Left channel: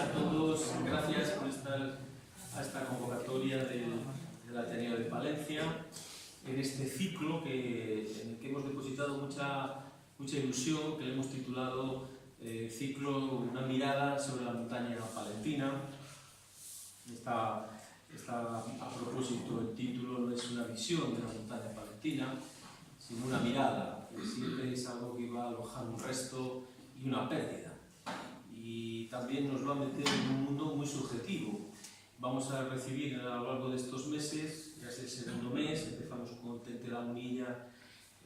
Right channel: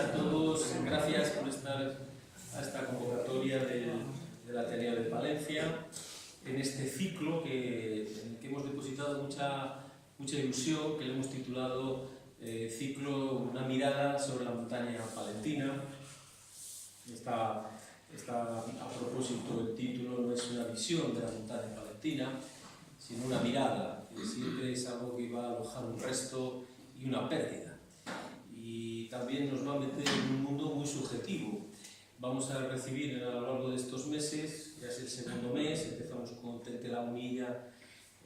a todos, gracias por estar a esta convocatoria del Ateneo de Palencia, en este ciclo en el que hemos depositado mucha ilusión, que le hemos titulado ciclo Una mirada sobre la montaña palentina. Está a propósito, el título no es una visión de la montaña palentina, sino una mirada, que siempre es algo que va a alojar un resto y una pérdida. Y también nos va a meter en un mundo muy subjetivo. Vamos a recibir a lo largo de estos meses, ya es el segundo mes, empezamos con Tente la Munilla,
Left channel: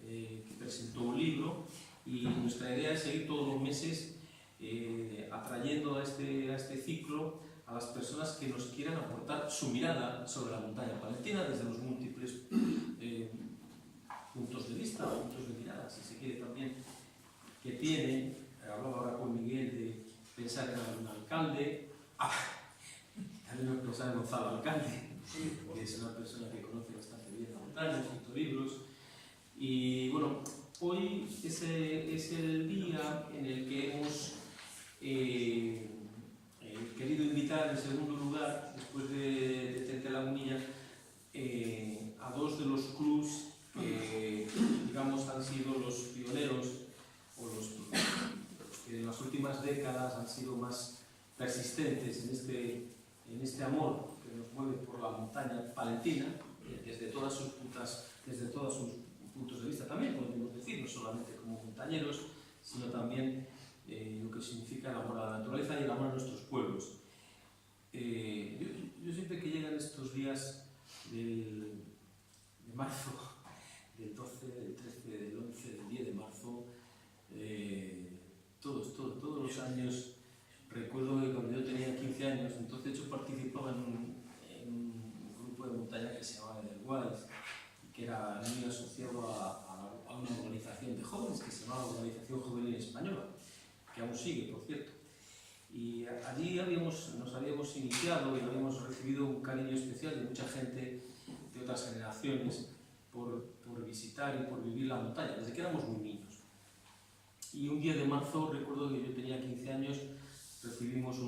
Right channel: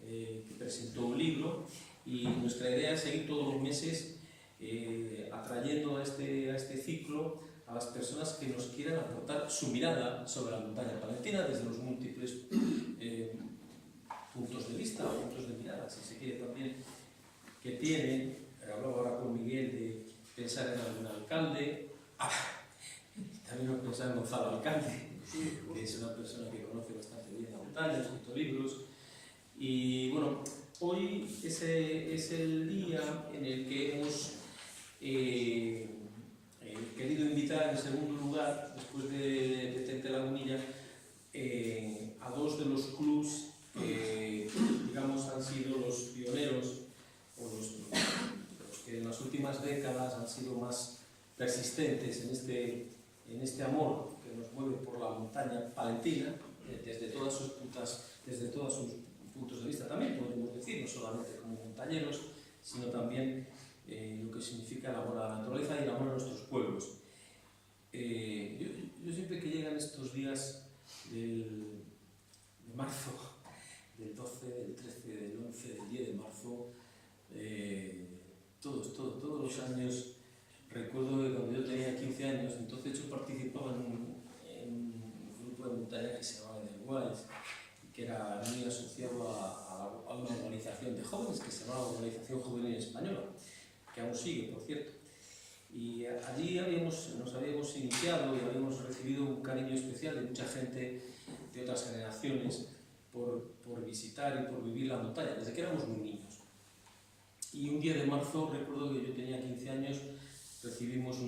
que presentó un libro, y nuestra idea es seguir todos los meses atrayendo a este ciclo a las personas que nos quieran aportar su mirada sobre la montaña palentina desde los múltiples puntos de vista o puntos de mirada, si se quiere también, que tienen. Hablaba ahora con Miguel de pensar en algún alcalde, también pensar en Gonzalo Alcalde, que es una persona que conoce bastante bien la montaña, ha escrito libros. Y bueno, hoy es el día en el que hemos querido invitar en segundo lugar, después de Tente la Munilla, a dos de los clubs que, digamos, han sido los pioneros o los que en las últimas décadas han sido más persistentes en este amor que nos mueve por la montaña palentina, desde todos sus puntos de vista también, podemos decir, no solamente como montañeros, sino también lo que significa el amor a la naturaleza y el amor a nuestros pueblos. Yo siempre que llegan estos días de marzo, del 12, del 13, del 11, del 10 de marzo, todos los años, recuerdo que cuando yo tenía 15 años, entonces yo participaba en un grupo de montaña que se llamaba Edelweiss, que era muy asociado a una organización de jóvenes que se llamaba Organización Juvenil Española, que aún sigue, por cierto. Y allí nos habíamos iniciado y habíamos recibido un cariño especial de mucha gente de otras generaciones por visitar y por vivir la montaña, desde que éramos muy niños. Y un día de marzo, recuerdo que yo tenía 15 años, recibimos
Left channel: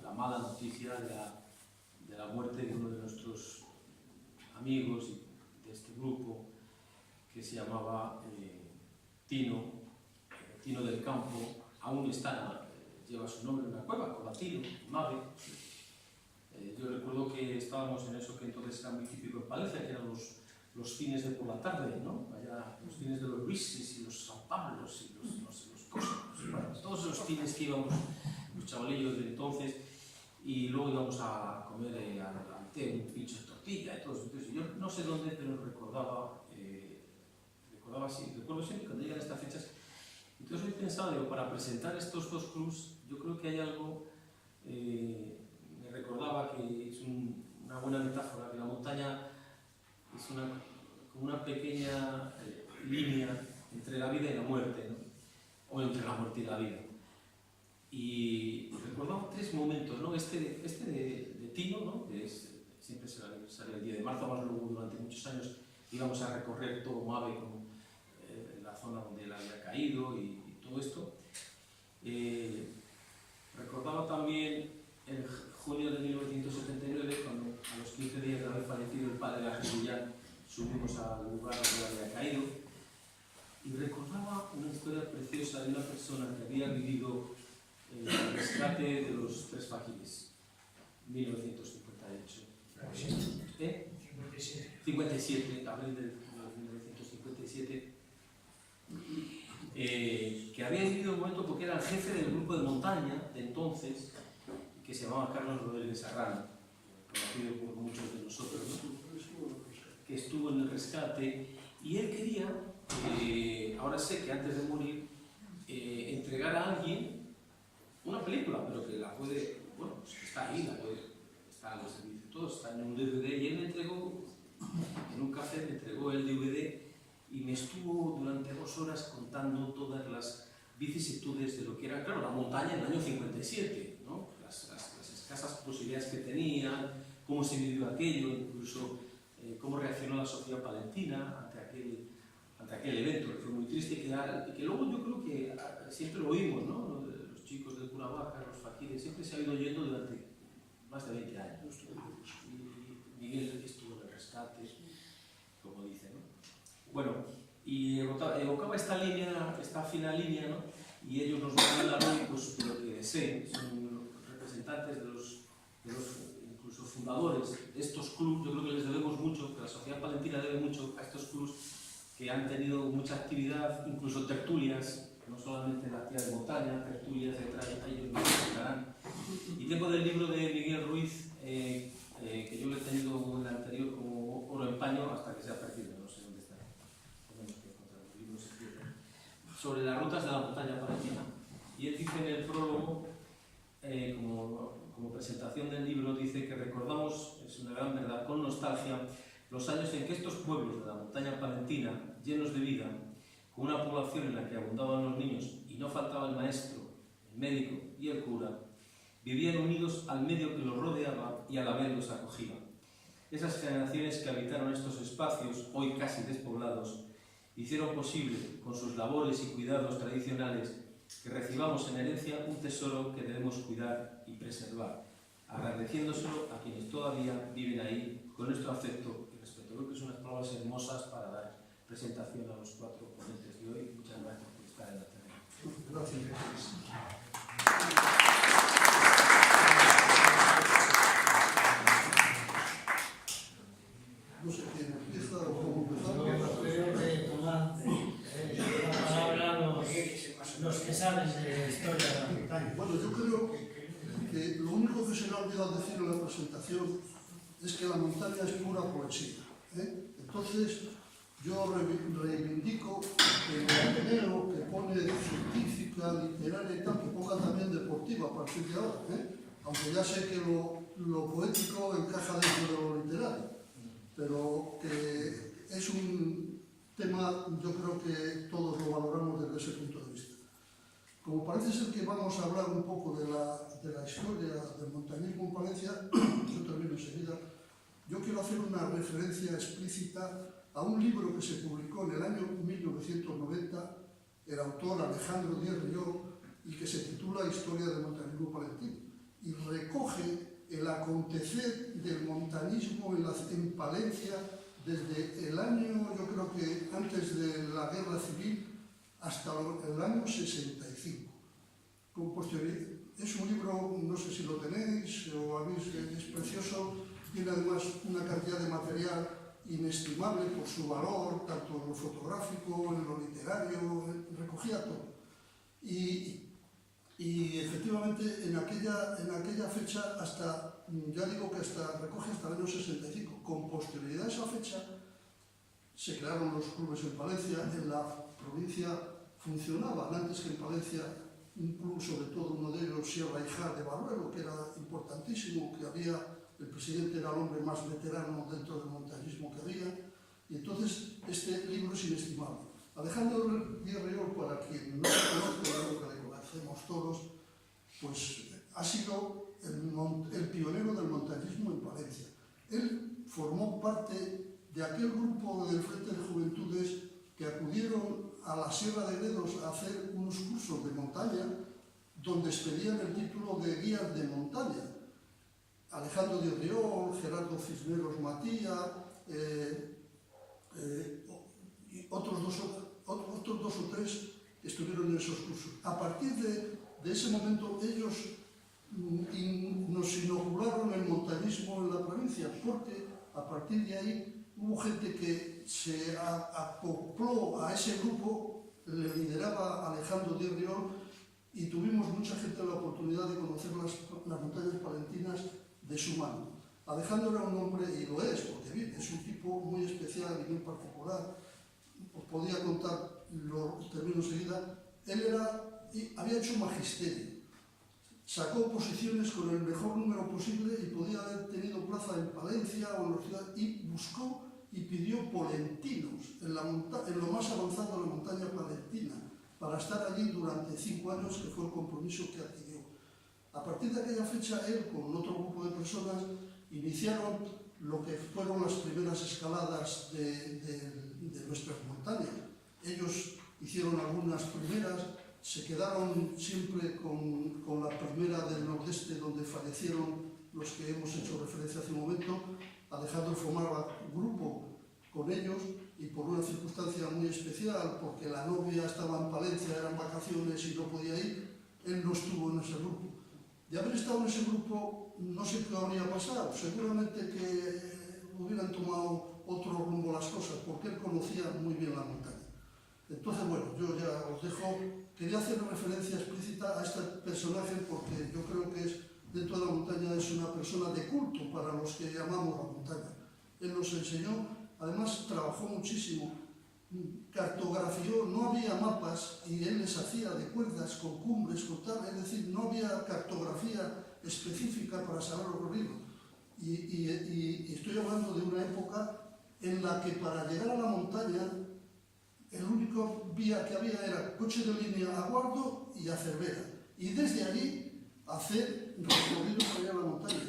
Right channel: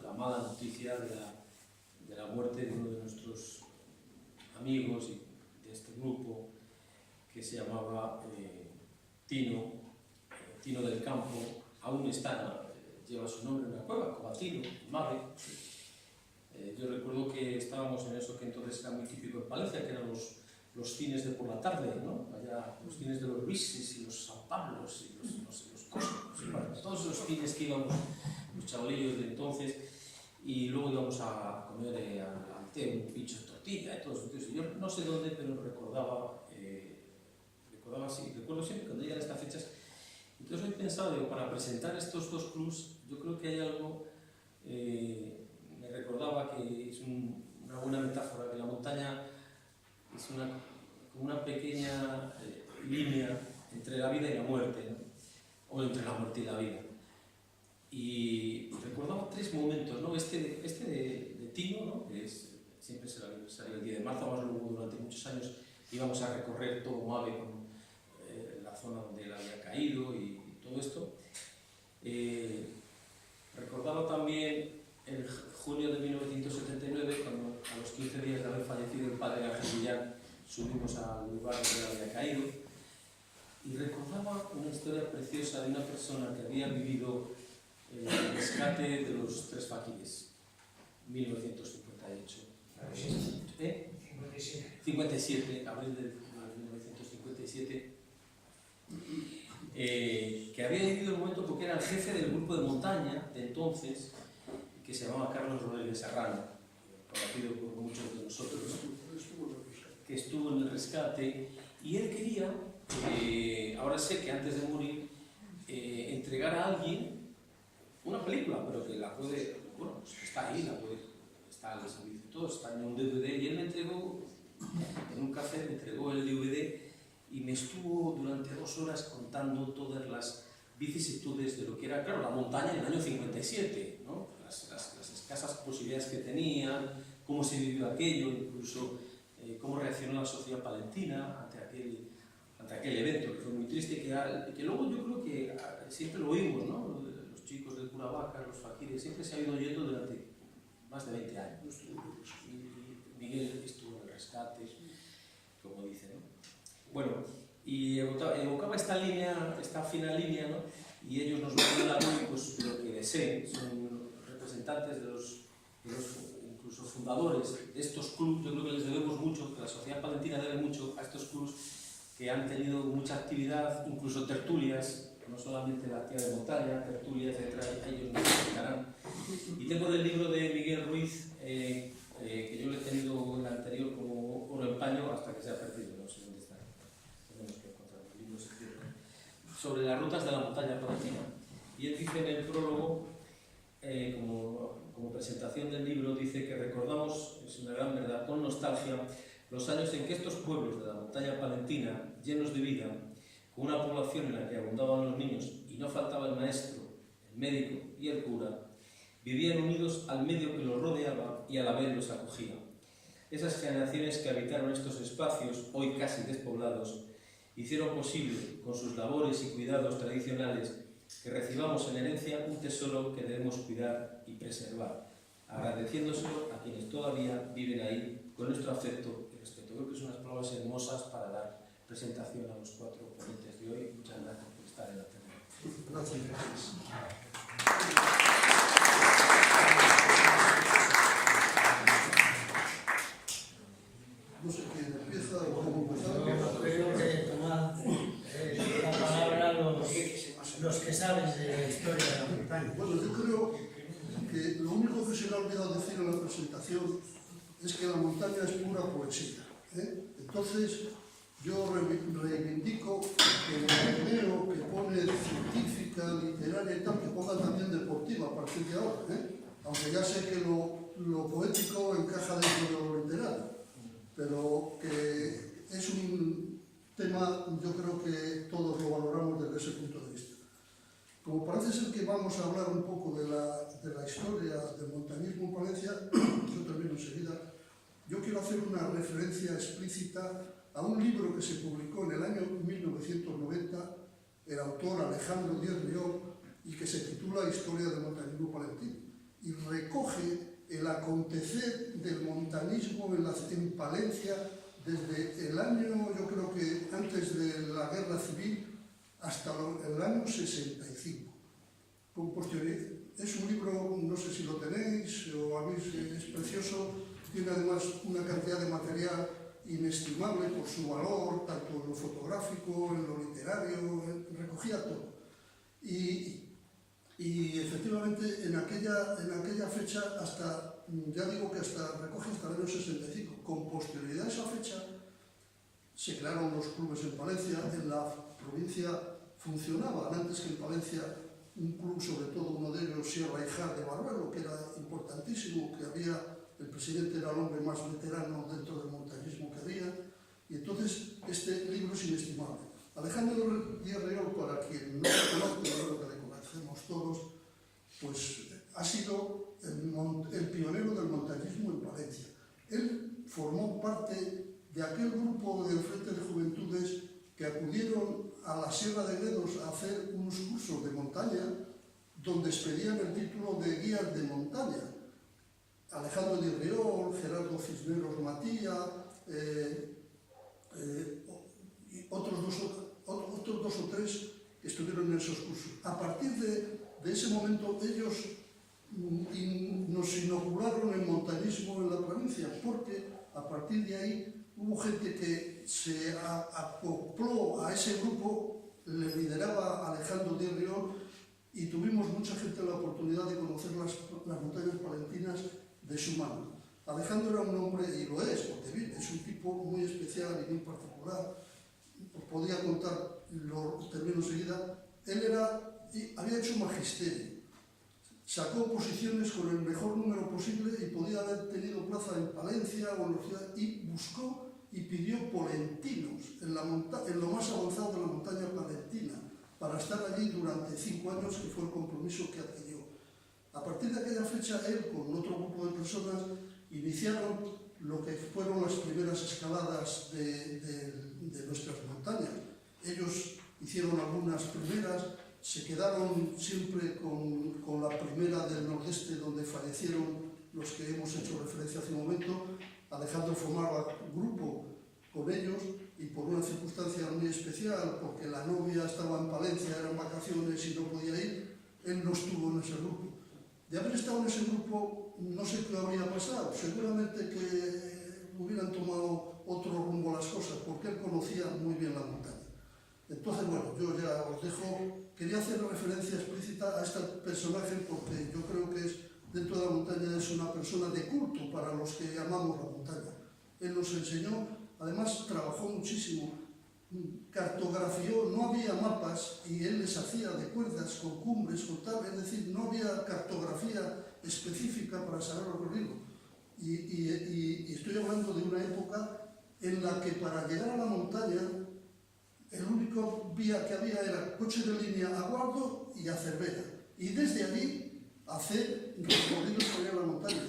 la mala noticia de la muerte de uno de nuestros amigos de este grupo, que se llamaba Tino del Campo. Aún lleva su nombre en la cueva, Cobatino, Mave. Yo recuerdo que estábamos en eso que entonces era muy típico en Palencia, que eran los cines de por la tarde, ¿no? Allá, los cines de los Luises y los San Pablos y los Cosmos, bueno, todos los cines que íbamos los chavalillos de entonces, y luego íbamos a comer al té, un pincho de tortilla y todo eso. Entonces, yo no sé dónde, pero recuerdo siempre cuando llegan estas fechas. Entonces hoy pensaba, digo, para presentar estos dos clubs, yo creo que hay algo, me recordaba que es una buena metáfora, que la montaña es como una pequeña línea entre la vida y la muerte, ¿no? O entre la muerte y la vida. Y recordaba tres momentos, ¿no? Este de Tino, ¿no? Que siempre es el aniversario del 10 de marzo, más luego durante muchos años íbamos a recorrer todo Mave con la zona donde él había caído y todo esto. Recordaba también el junio de 1979, cuando a los 15 días de haber fallecido el padre Ángel Guillán, subimos al lugar donde él había caído, y recordaba una historia preciosa de una persona que había vivido el rescate de los tres faquires, 1958. 57, abril de 1957, que había vivido un momento porque era el jefe del grupo de montaña de entonces, que se llamaba Carlos Rodríguez Serrano, conocido por muchos de nosotros, que estuvo en el rescate, y él quería, ahora sé que antes de morir, entregar a alguien una película, pero que la puede, bueno, pues está ahí, está al servicio de todos, está en un DVD, y él me entregó, en un café me entregó el DVD y me estuvo durante 2 horas contando todas las vicisitudes de lo que era, claro, la montaña en el año 57, ¿no? Las escasas posibilidades que tenían, cómo se vivió aquello, incluso cómo reaccionó la sociedad palentina ante aquel evento, que fue muy triste y que luego yo creo que siempre lo oímos, ¿no? Los chicos del Cura Vaca de los faquires, siempre se ha ido oyendo durante más de 20 años. Y Miguel estuvo en el rescate, como dice, ¿no? Bueno, y evocaba esta línea, esta fina línea, ¿no? Y ellos nos mandan lógicos de lo que deseen, son representantes de los incluso fundadores de estos clubes. Yo creo que les debemos mucho, que la sociedad palentina debe mucho a estos clubes que han tenido mucha actividad, incluso tertulias, no solamente la actividad de montaña, tertulias, etc. Ellos nos explicarán. Y tengo del libro de Miguel Ruiz, que yo lo he tenido en el anterior como oro en paño hasta que se ha perdido, no sé dónde está. Tenemos que encontrar los libros sobre las rutas de la montaña palentina. Y él dice en el prólogo, como presentación del libro, dice que recordamos, es una gran verdad, con nostalgia, los años en que estos pueblos de la montaña palentina, llenos de vida, con una población en la que abundaban los niños y no faltaba el maestro, el médico y el cura, vivían unidos al medio que los rodeaba y a la vez los acogía. Esas generaciones que habitaron estos espacios, hoy casi despoblados, hicieron posible, con sus labores y cuidados tradicionales, que recibamos en herencia un tesoro que debemos cuidar y preservar, agradeciéndoselo a quienes todavía viven ahí con nuestro afecto y respeto. Creo que son unas palabras hermosas para dar presentación a los 4 ponentes de hoy. Muchas gracias por estar en la tele. Gracias. No sé quién empieza o cómo empezar. Yo creo que tomar la palabra los que saben de la historia de la montaña. Bueno, yo creo que lo único que se me ha olvidado decir en la presentación es que la montaña es pura poesía, ¿eh? Entonces, yo reivindico que el Ateneo que pone científica, literaria y tal, que ponga también deportiva a partir de ahora, ¿eh? Aunque ya sé que lo poético encaja dentro de lo literario, pero que es un tema, yo creo que todos lo valoramos desde ese punto de vista. Como parece ser que vamos a hablar un poco de la historia del montañismo en Palencia, yo termino enseguida, yo quiero hacer una referencia explícita a un libro que se publicó en el año 1990, el autor Alejandro Díaz Riol, y que se titula Historia del montañismo palentino, y recoge el acontecer del montañismo en Palencia desde el año, yo creo que antes de la Guerra Civil, hasta el año 65. Con posterioridad. Es un libro, no sé si lo tenéis o habéis, es precioso, tiene además una cantidad de material inestimable por su valor, tanto en lo fotográfico, en lo literario, recogía todo. Y efectivamente en aquella fecha, hasta, ya digo que recoge hasta el año 65. Con posterioridad a esa fecha se crearon los clubes en Palencia. En la provincia funcionaban antes que en Palencia un club, sobre todo uno de ellos, Sierra y Jar de Barruelo, que era importantísimo, que había, el presidente era el hombre más veterano dentro del montañismo que había, y entonces este libro es inestimable. Alejandro Díaz Riol, para quien no lo conozca, claro que le conocemos todos, pues ha sido el pionero del montañismo en Palencia. Él formó parte de aquel grupo del Frente de Juventudes que acudieron a la Sierra de Gredos a hacer unos cursos de montaña donde expedían el título de guías de montaña. Alejandro Díaz Riol, Gerardo Cisneros Matía, y otros dos o tres estuvieron en esos cursos. A partir de ese momento ellos nos inocularon el montañismo en la provincia, porque a partir de ahí hubo gente que se acopló a ese grupo, le lideraba Alejandro Díaz Riol, y tuvimos mucha gente la oportunidad de conocer las montañas palentinas de su mano. Alejandro era un hombre, y lo es, porque es un tipo muy especial y muy particular. Os podía contar, lo termino enseguida. Él había hecho magisterio, sacó posiciones con el mejor número posible y podía haber tenido plaza en Palencia o en la ciudad, y buscó y pidió polentinos en lo más avanzado de la montaña palentina, para estar allí durante 5 años, que fue el compromiso que adquirió. A partir de aquella fecha, él con otro grupo de personas iniciaron lo que fueron las primeras escaladas de nuestras montañas. Ellos hicieron algunas primeras, se quedaron siempre con la primera del Nordeste, donde fallecieron los que hemos hecho referencia hace un momento. Alejandro formaba grupo con ellos y por una circunstancia muy especial, porque la novia estaba en Palencia, eran vacaciones y no podía ir, él no estuvo en ese grupo. De haber estado en ese grupo, no sé qué habría pasado, seguramente que hubieran tomado otro rumbo las cosas, porque él conocía muy bien la montaña. Entonces, bueno, yo ya os dejo, quería hacer referencia explícita a este personaje porque yo creo que es, dentro de la montaña es una persona de culto para los que amamos la montaña. Él nos enseñó, además trabajó muchísimo, cartografió, no había mapas y él les hacía de cuerdas, con cumbres, con tal, es decir, no había cartografía específica para saber el recorrido. Y estoy hablando de una época en la que para llegar a la montaña el único vía que había era coche de línea a Guardo y a Cervera. Y desde allí hacer recorridos para ir a la montaña.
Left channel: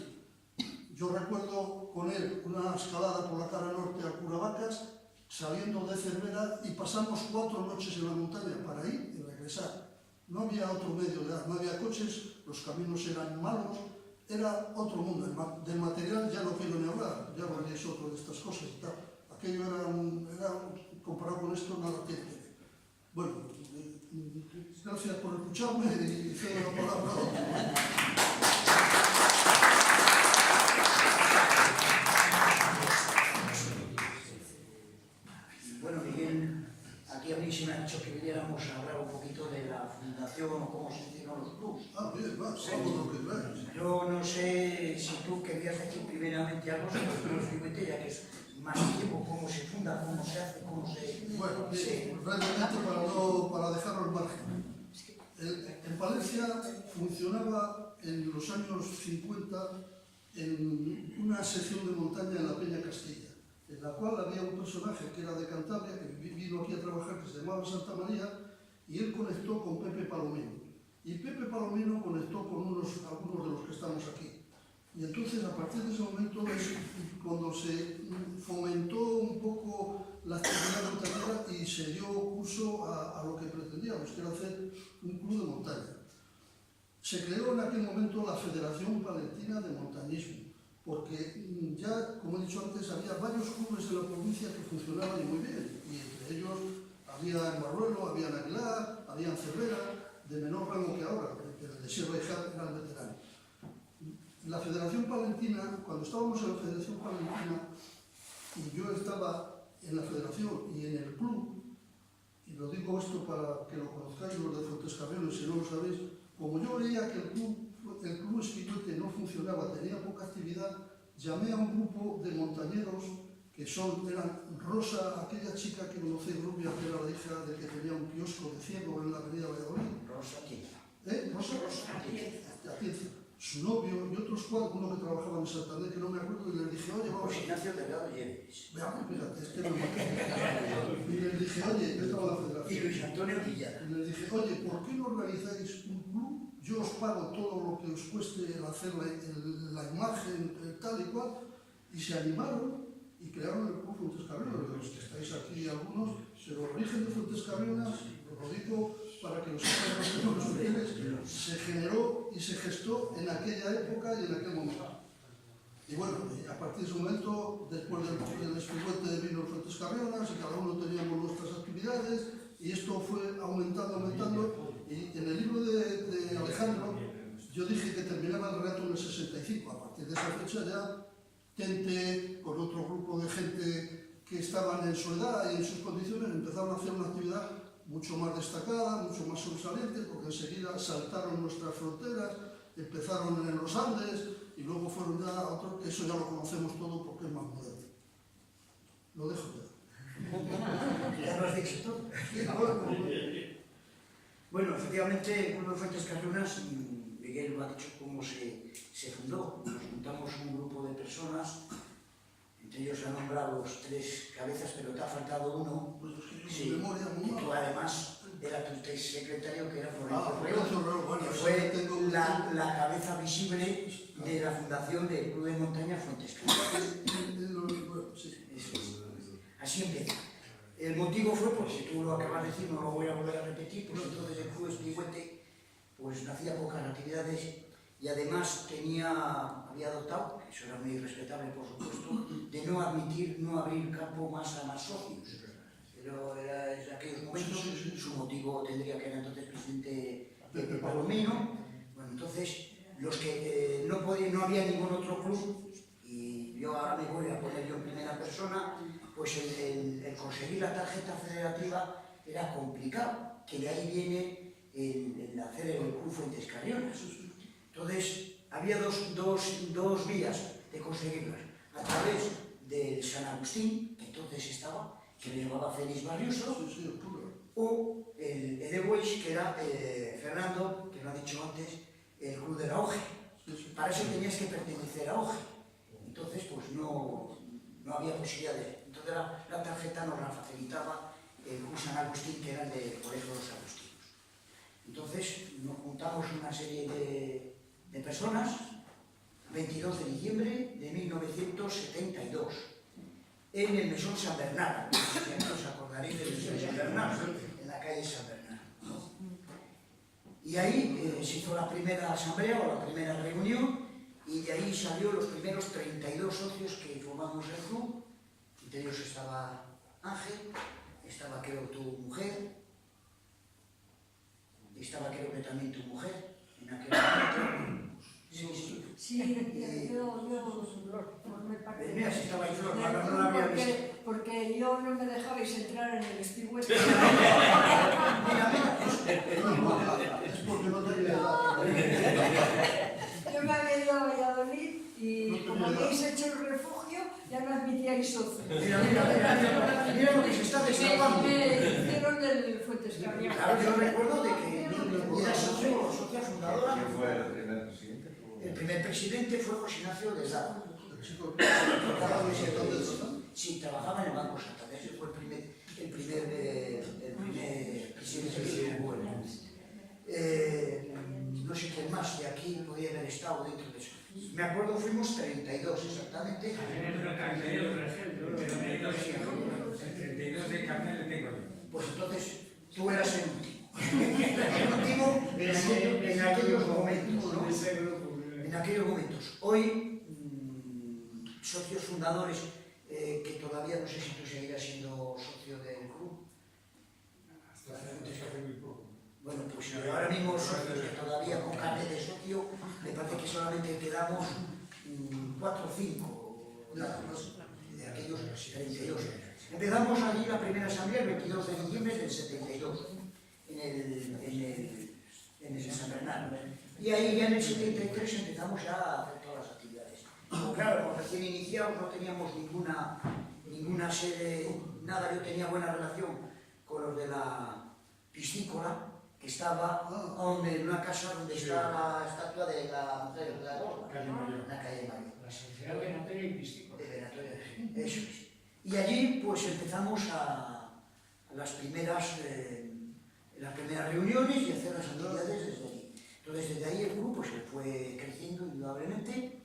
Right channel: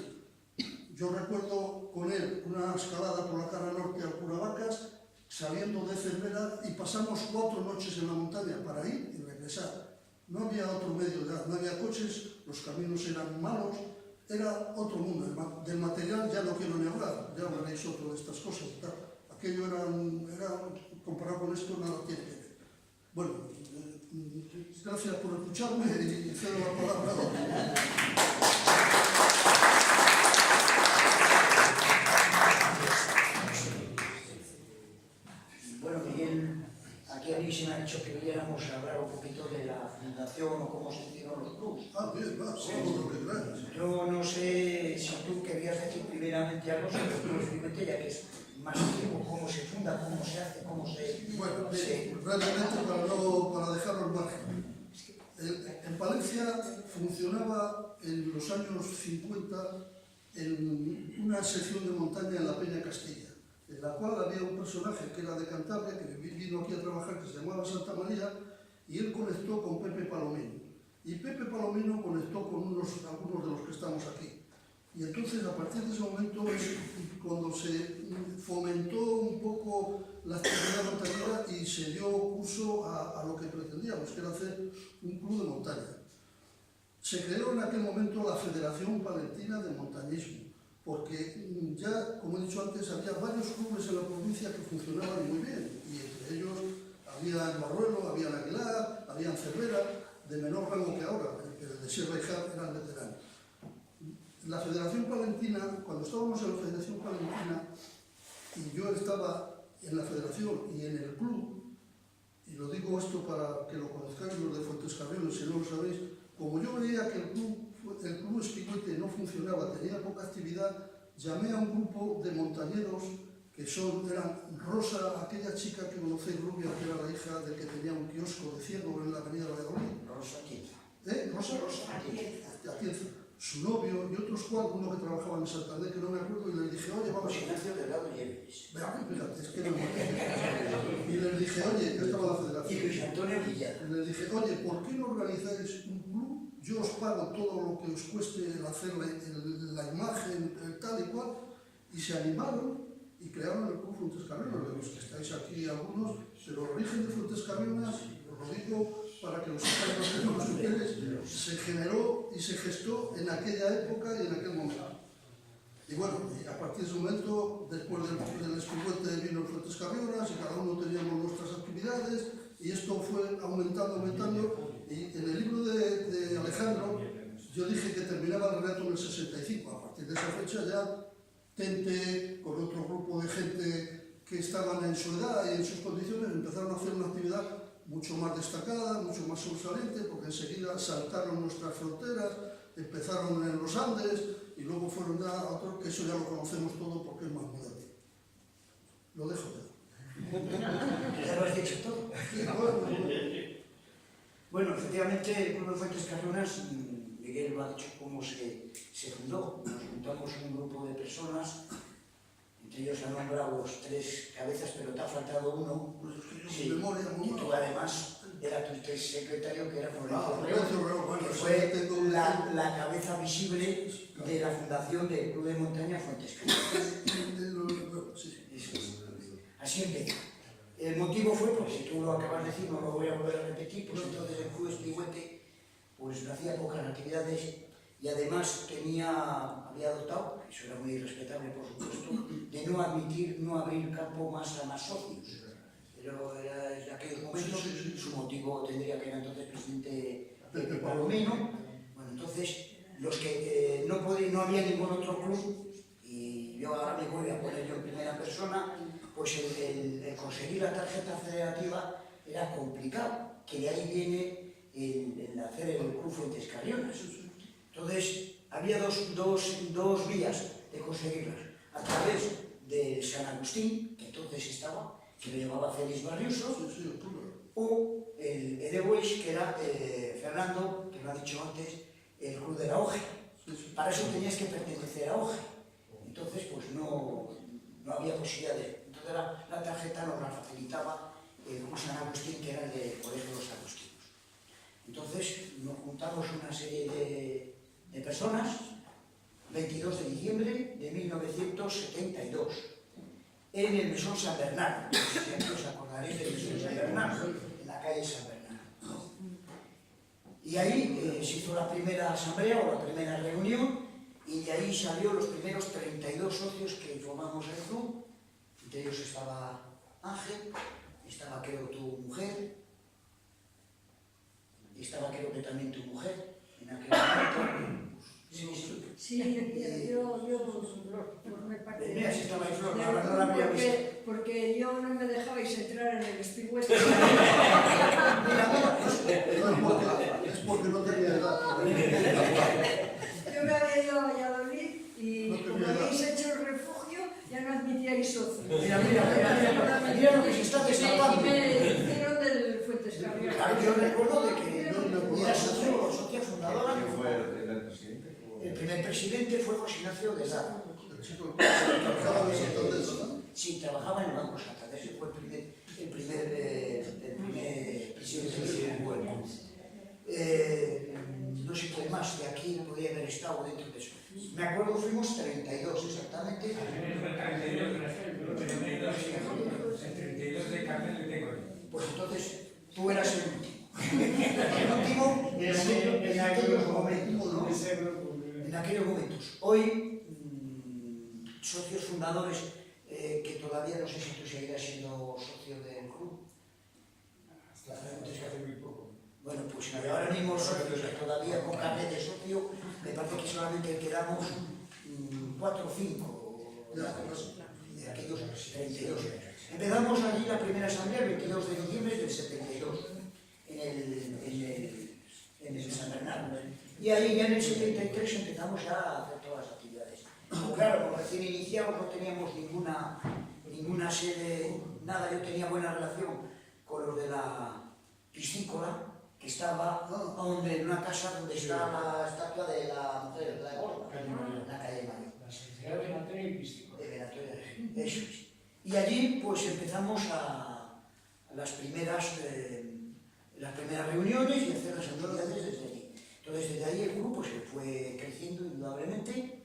Yo recuerdo con él una escalada por la cara norte al Curavacas, saliendo de Cervera, y pasamos 4 noches en la montaña para ir y regresar. No había otro medio, no había coches, los caminos eran malos, era otro mundo. Del material ya no quiero ni hablar, ya hablaréis otro de estas cosas y tal. Aquello era comparado con esto, nada tiene que ver. Bueno, gracias por escucharme y cedo la palabra a otro. Bueno, Miguel, aquí a mí se me ha dicho que viniéramos a hablar un poquito de la fundación o cómo se hicieron los clubs. Ah, bien, va, vamos lo que traes. Yo no sé si tú querías decir primeramente algo sobre los clubes de Huetella, que es más antiguo, cómo se funda, cómo se hace, cómo se... Bueno, brevemente para dejar al margen. En Palencia funcionaba en los años 50 en una sección de montaña en la Peña Castilla, en la cual había un personaje que era de Cantabria, que vino aquí a trabajar, que se llamaba Santa María, y él conectó con Pepe Palomino. Y Pepe Palomino conectó con algunos de los que estamos aquí. Y entonces, a partir de ese momento, es cuando se fomentó un poco la actividad montañera y se dio curso a lo que pretendíamos, que era hacer un club de montaña. Se creó en aquel momento la Federación Palentina de Montañismo, porque ya, como he dicho antes, había varios clubes en la provincia que funcionaban y muy bien, y entre ellos había en Barruelo, había en Aguilar, había en Cervera, de menor rango que ahora, que el de Sierra y Jal eran veteranos. La Federación Palentina, cuando estábamos en la Federación Palentina, y yo estaba en la Federación y en el club, y lo digo esto para que lo conozcáis los de Fuentescarrero, si no lo sabéis, como yo veía que el club Espiguete no funcionaba, tenía poca actividad, llamé a un grupo de montañeros que eran Rosa, aquella chica que conocéis, rubia, que era la hija del que tenía un kiosco de ciego en la avenida Valladolid. Rosa Atienza. Rosa Atienza. Su novio y otros 4, uno que trabajaba en Santander, que no me acuerdo, y les dije, oye, vamos Pues Ignacio Delgado Lleves. Fíjate, es que no me acuerdo. Y les dije, oye, yo estaba en la federación. Y Luis Antonio Villar. Y les dije, oye, ¿por qué no organizáis un club? Yo os pago todo lo que os cueste el hacer la imagen, tal y cual. Y se animaron y crearon el club Fuentescarrenas, de los que estáis aquí algunos, pero el origen de Fuentescarrenas, os lo digo para que los ustedes, se generó y se gestó en aquella época y en aquel momento. Y bueno, y a partir de ese momento, después del Espiguete vino Fuentescarrenas y cada uno teníamos nuestras actividades y esto fue aumentando. Y en el libro de Alejandro, yo dije que terminaba el relato en el 65. A partir de esa fecha ya Tente, con otro grupo de gente que estaban en su edad y en sus condiciones, empezaron a hacer una actividad mucho más destacada, mucho más sobresaliente, porque enseguida saltaron nuestras fronteras, empezaron en los Andes y luego fueron ya a otro, que eso ya lo conocemos todo porque es más moderno. Lo dejo ya. Ya lo has dicho todo. Bueno, efectivamente, el Club de Fuentescarrenas, Miguel lo ha dicho cómo se fundó. Nos juntamos un grupo de personas, entre ellos han nombrado los 3 cabezas, pero te ha faltado uno. Sí, y tú además era tu secretario, que era Florencio Reo, que fue la cabeza visible de la fundación del Club de Montaña Fuentescarrenas. Así empezó. El motivo fue, porque tú lo acabas de decir, no lo voy a volver a repetir, pues entonces el Club Espiguete pues no hacía pocas actividades y además había adoptado, que eso era muy respetable por supuesto, de no abrir campo más a más socios. Pero en aquellos momentos su motivo tendría que era entonces presidente Palomino. Bueno, entonces los que no había ningún otro club, y yo ahora me voy a poner yo en primera persona, pues el conseguir la tarjeta federativa era complicado, que de ahí viene el hacer el Club Fuentes Carrionas. Entonces había dos vías de conseguirlas, a través del San Agustín, que entonces estaba, que lo llevaba Félix Barriuso, o el Edeweis, que era Fernando, que lo ha dicho antes, el Club de la OGE. Para eso tenías que pertenecer a OGE. Entonces, pues no había posibilidades. Entonces la tarjeta nos la facilitaba el Club San Agustín, que era el de por eso los agustinos. Entonces nos juntamos una serie de personas, 22 de diciembre de 1972, en el Mesón San Bernardo. Si os acordaréis del Mesón San Bernardo, en la calle San Bernardo. Y ahí se hizo la primera asamblea o la primera reunión, y de ahí salió los primeros 32 socios que formamos el club. Entre ellos estaba Ángel, estaba creo tu mujer, y estaba creo que también tu mujer en aquel momento. Sí, yo formé parte de... Mira, si estaba ahí Flor, no la había visto. Porque yo no me dejabais entrar en el espigüete. Mira. Es porque no tenía edad. Yo me había ido a Valladolid y como habéis hecho el refugio, ya no admitíais socios. Mira lo que se está destapando. Y me hicieron del Fuentes Carrionas. Claro, yo recuerdo de que era socia fundadora. ¿Quién fue el primer presidente? El primer presidente fue José Ignacio de Lado. Sí, trabajaba en el Banco Santander. Ese fue el primer presidente del grupo. No sé quién más de aquí podía haber estado dentro de eso. Me acuerdo, fuimos 32 exactamente. El 32 de Carmel tengo. Pues entonces tú eras el último. En aquellos momentos, ¿no? En aquellos momentos. Hoy, socios fundadores, que todavía no sé si tú seguirás siendo socio del club. Hace muy poco. Bueno, pues ahora mismo socios todavía con carnet de socio, me parece que solamente quedamos 4 o 5 de aquellos 32. Empezamos allí la primera asamblea el 22 de diciembre del 72, en el San Bernardo. Y ahí ya en el 73 empezamos ya a hacer todas las actividades. Claro, recién iniciados no teníamos ninguna sede, nada. Yo tenía buena relación con los de la piscícola, que estaba en una casa donde está la estatua de la mujer, la gorda, en la calle Mayor. La sociedad que no tiene piscícola. Eso es. Y allí pues empezamos a las primeras reuniones y hacer las actividades desde allí. Entonces desde ahí el grupo se fue creciendo indudablemente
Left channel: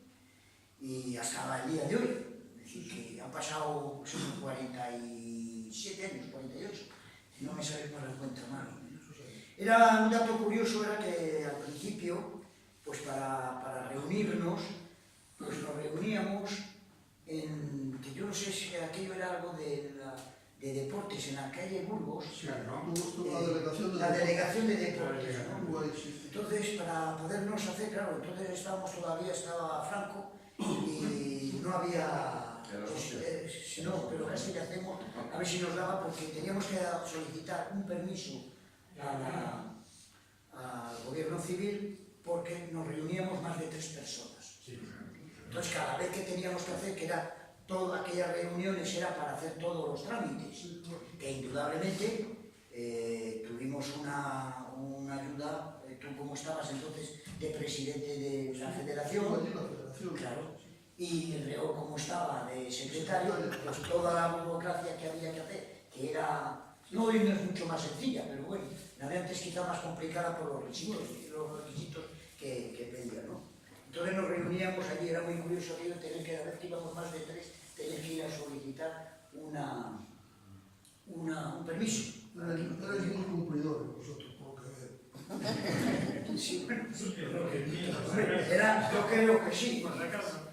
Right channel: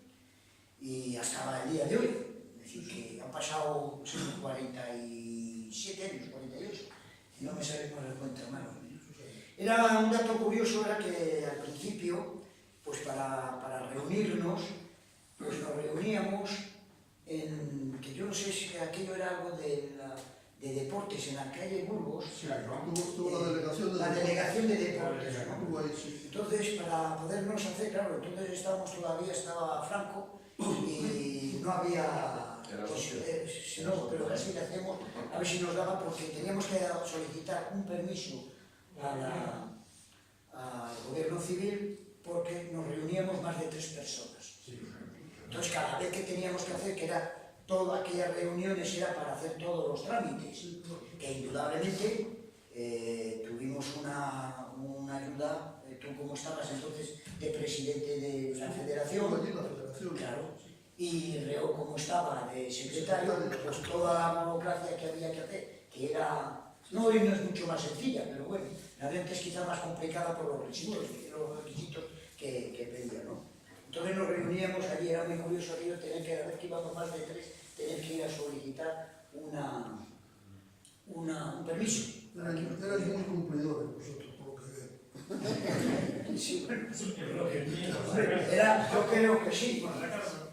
y hasta el día de hoy. Es decir, que han pasado 47 años, 48, si no me sale por el cuento malo. Era un dato curioso, era que al principio, pues para reunirnos, pues nos reuníamos en, que yo no sé si aquello era algo de deportes en la calle Burgos. Sí, tuvo la delegación de deportes, ¿no? Entonces, para podernos hacer, claro, entonces todavía estaba Franco y no había, pues, no, pero casi que hacemos, a ver si nos daba, porque teníamos que solicitar un permiso al gobierno civil porque nos reuníamos más de 3 personas. Entonces, cada vez que teníamos que hacer, que era todas aquellas reuniones, era para hacer todos los trámites, que indudablemente tuvimos una ayuda, tú como estabas entonces de presidente de la federación, claro, y Reo como estaba de secretario, pues toda la burocracia que había que hacer, que era, no hoy no es mucho más sencilla, pero bueno, la de antes quizá más complicada por los requisitos que pedían, ¿no? Entonces nos reuníamos allí, era muy curioso aquello, tener que, a vez que íbamos más de 3, tener que ir a solicitar un permiso. Erais muy cumplidores vosotros, por lo que veo. Sí, bueno, yo creo que sí.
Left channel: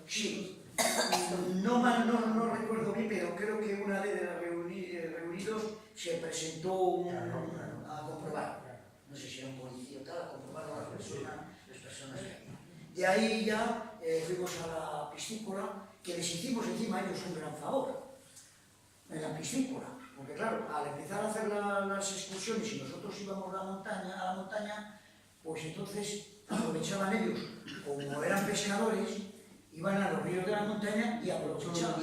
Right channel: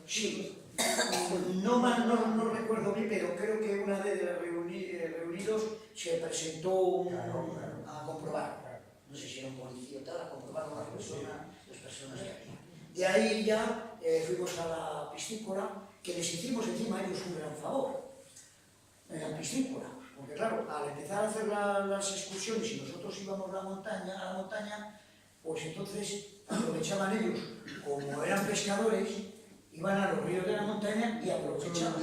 Sí. No recuerdo bien, pero creo que una de los reunidos se presentó a comprobar. No sé si era un policía o tal, a comprobar las personas de aquí. De ahí ya fuimos a la piscícola, que les hicimos encima a ellos un gran favor, en la piscícola. Porque claro, al empezar a hacer las excursiones y nosotros íbamos a la montaña, pues entonces aprovechaban ellos, como eran pescadores, iban a los ríos de la montaña y aprovechaban.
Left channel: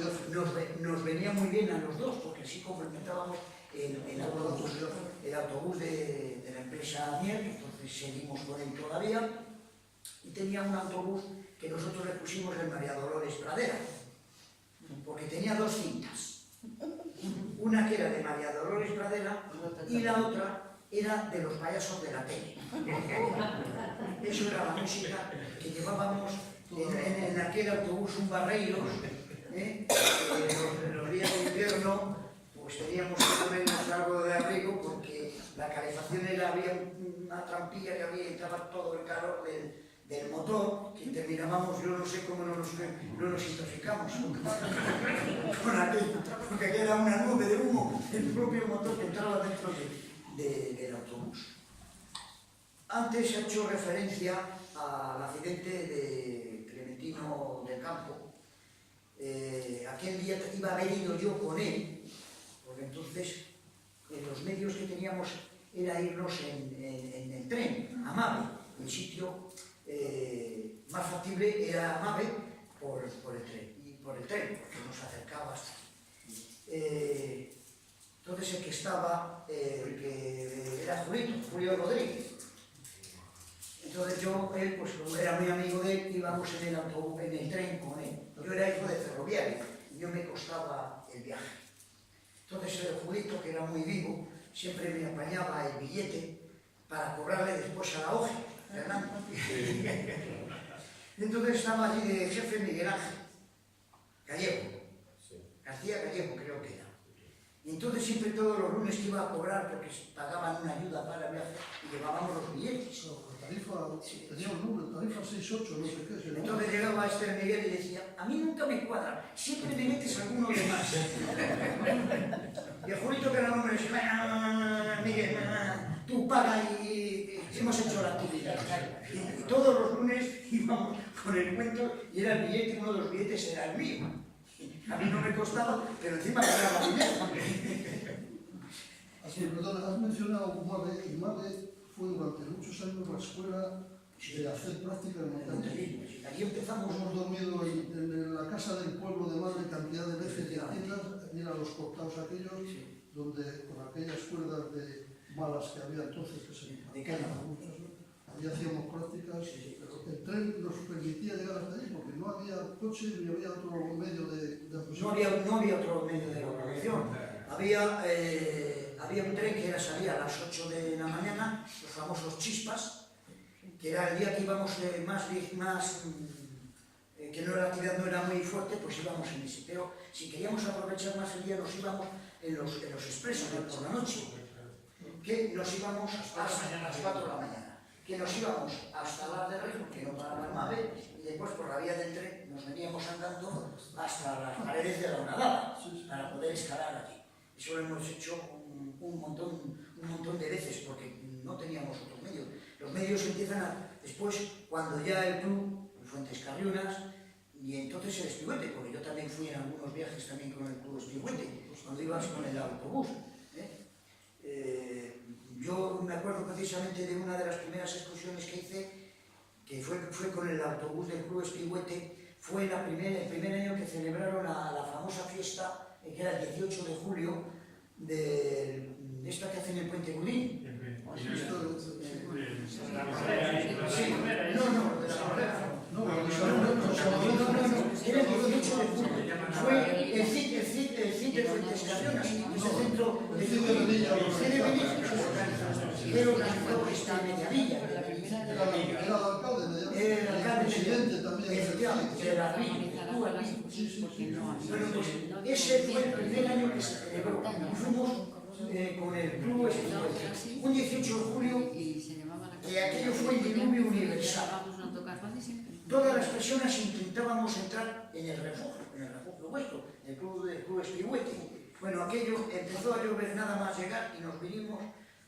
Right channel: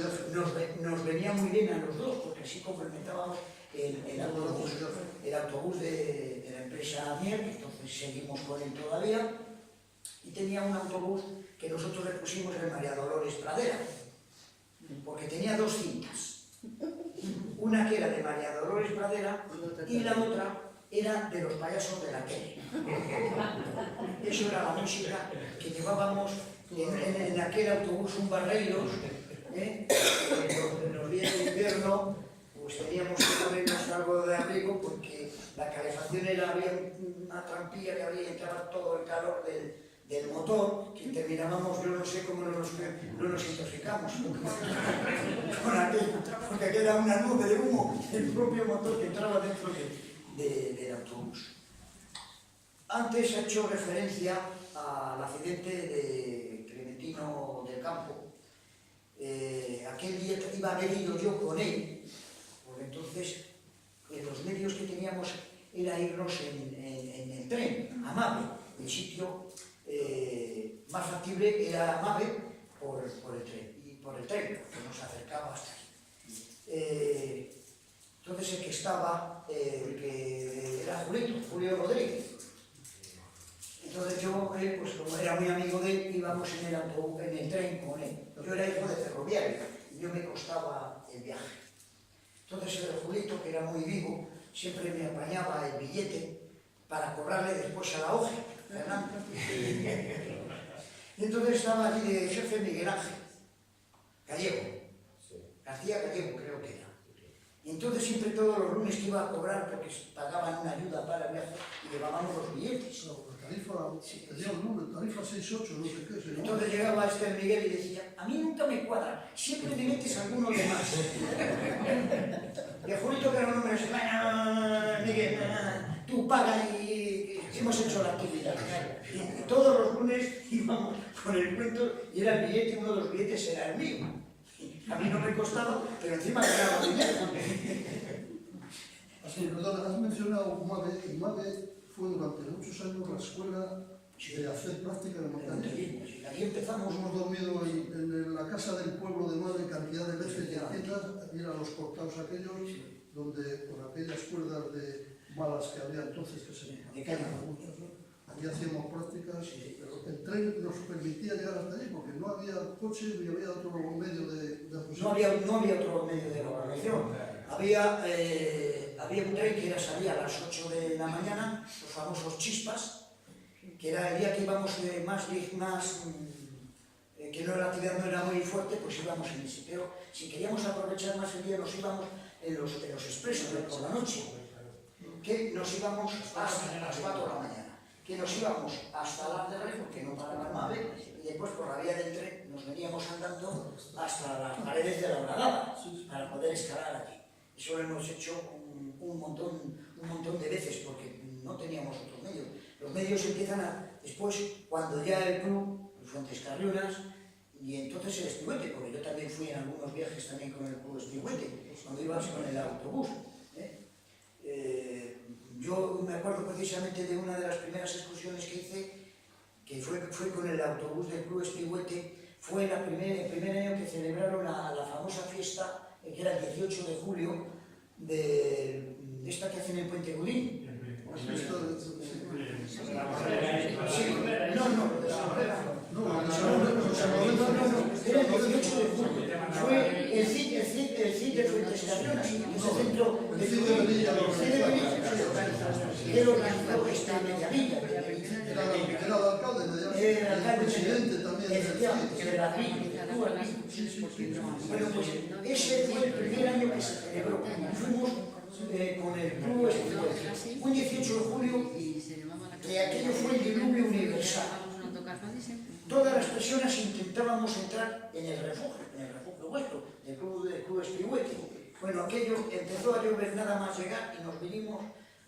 Nos venía muy bien a los dos, porque así complementábamos el autobús de la empresa Mier, que entonces seguimos con él todavía, y tenía un autobús que nosotros le pusimos el María Dolores Pradera, porque tenía dos cintas. Una que era de María Dolores Pradera y la otra era de los payasos de la tele. Eso era la música que llevábamos en aquel autobús, un Barreiros, en los días de invierno, pues teníamos que ponernos algo de abrigo porque la calefacción había una trampilla que había, entraba todo el calor del motor, que terminábamos, yo no sé cómo no nos intoxicamos con aquello, porque aquella era una nube de humo, el propio motor que entraba dentro del autobús. Antes ha hecho referencia al accidente de Clementino del Campo. Aquel día iba a haber ido yo con él, porque entonces los medios que teníamos era irnos en el tren, a Mave, el sitio más factible era Mave por el tren, porque nos acercaba hasta aquí. Entonces el que estaba, era Julio Rodríguez. Entonces él, pues como era muy amigo de él, íbamos en el tren con él. Yo era hijo de ferroviario y no me costaba el viaje. Entonces el Julito, que era muy vivo, siempre me apañaba el billete para cobrarle después a la OGE, Fernando. Entonces estaba allí de jefe Miguel Ángel Gallego, García Gallego creo que era. Y entonces siempre todos los lunes que iba a cobrar, porque pagaban una ayuda para el viaje y llevábamos los billetes. Tenía un número, tarifa 6-8, no sé qué. ¿No? Entonces llegaba el Miguel y decía, a mí nunca me cuadra, siempre me metes alguno de más. Y el Julito, que era el número, decía, Miguel, tú paga y hemos hecho la actividad. Y todos los lunes íbamos con el cuento y era el billete, uno de los billetes era el mío. A mí no me costaba, pero encima ganaba dinero. Perdona, has mencionado Mave, y Mave fue durante muchos años la escuela de hacer práctica de montañismo. Ahí empezamos. Hemos dormido en la casa del pueblo de Mave cantidad de veces y haciendas, ir a los cortados aquellos, donde con aquellas cuerdas de malas que había entonces, que se caían muchas, allí hacíamos prácticas, pero el tren nos permitía llegar hasta allí porque no había coche ni había otro medio de aproximación. No había otro medio de locomoción. Había un tren que salía a las 8 de la mañana, los famosos chispas, que era el día que íbamos que la actividad no era muy fuerte, pues íbamos en ese. Pero si queríamos aprovechar más el día, nos íbamos en los expresos por la noche, que nos íbamos hasta las 4 de la mañana, que nos íbamos hasta Las de Rey, porque no paraba el Mave, y después por la vía del tren nos veníamos andando hasta las paredes de la Horadada, para poder escalar aquí. Eso lo hemos hecho un montón de veces, porque no teníamos otros medios. Los medios empiezan después, cuando ya el club, Fuentes Carrionas, y entonces el Espigüete, porque yo también fui en algunos viajes también con el club Espigüete, cuando ibas con el autobús. Yo me acuerdo precisamente de una de las primeras excursiones que hice, que fue con el autobús del club Espigüete. Fue el primer año que celebraron la famosa fiesta, que era el 18 de julio, de esta que hacen en Puente Gudín. No, era el 18 de julio. Fue el CID de Fuentes Carrionas, ese centro de que lo organizaba esta Mediavilla. Era el alcalde, Era el alcalde, presidente también. que era el Bueno, pues ese fue el primer año que se celebró. Fuimos con el club un 18 de julio que aquello fue el diluvio universal. Todas las personas intentábamos entrar en el refugio vuestro, el Club Espigüete. Bueno, aquello empezó a llover nada más llegar y nos vinimos.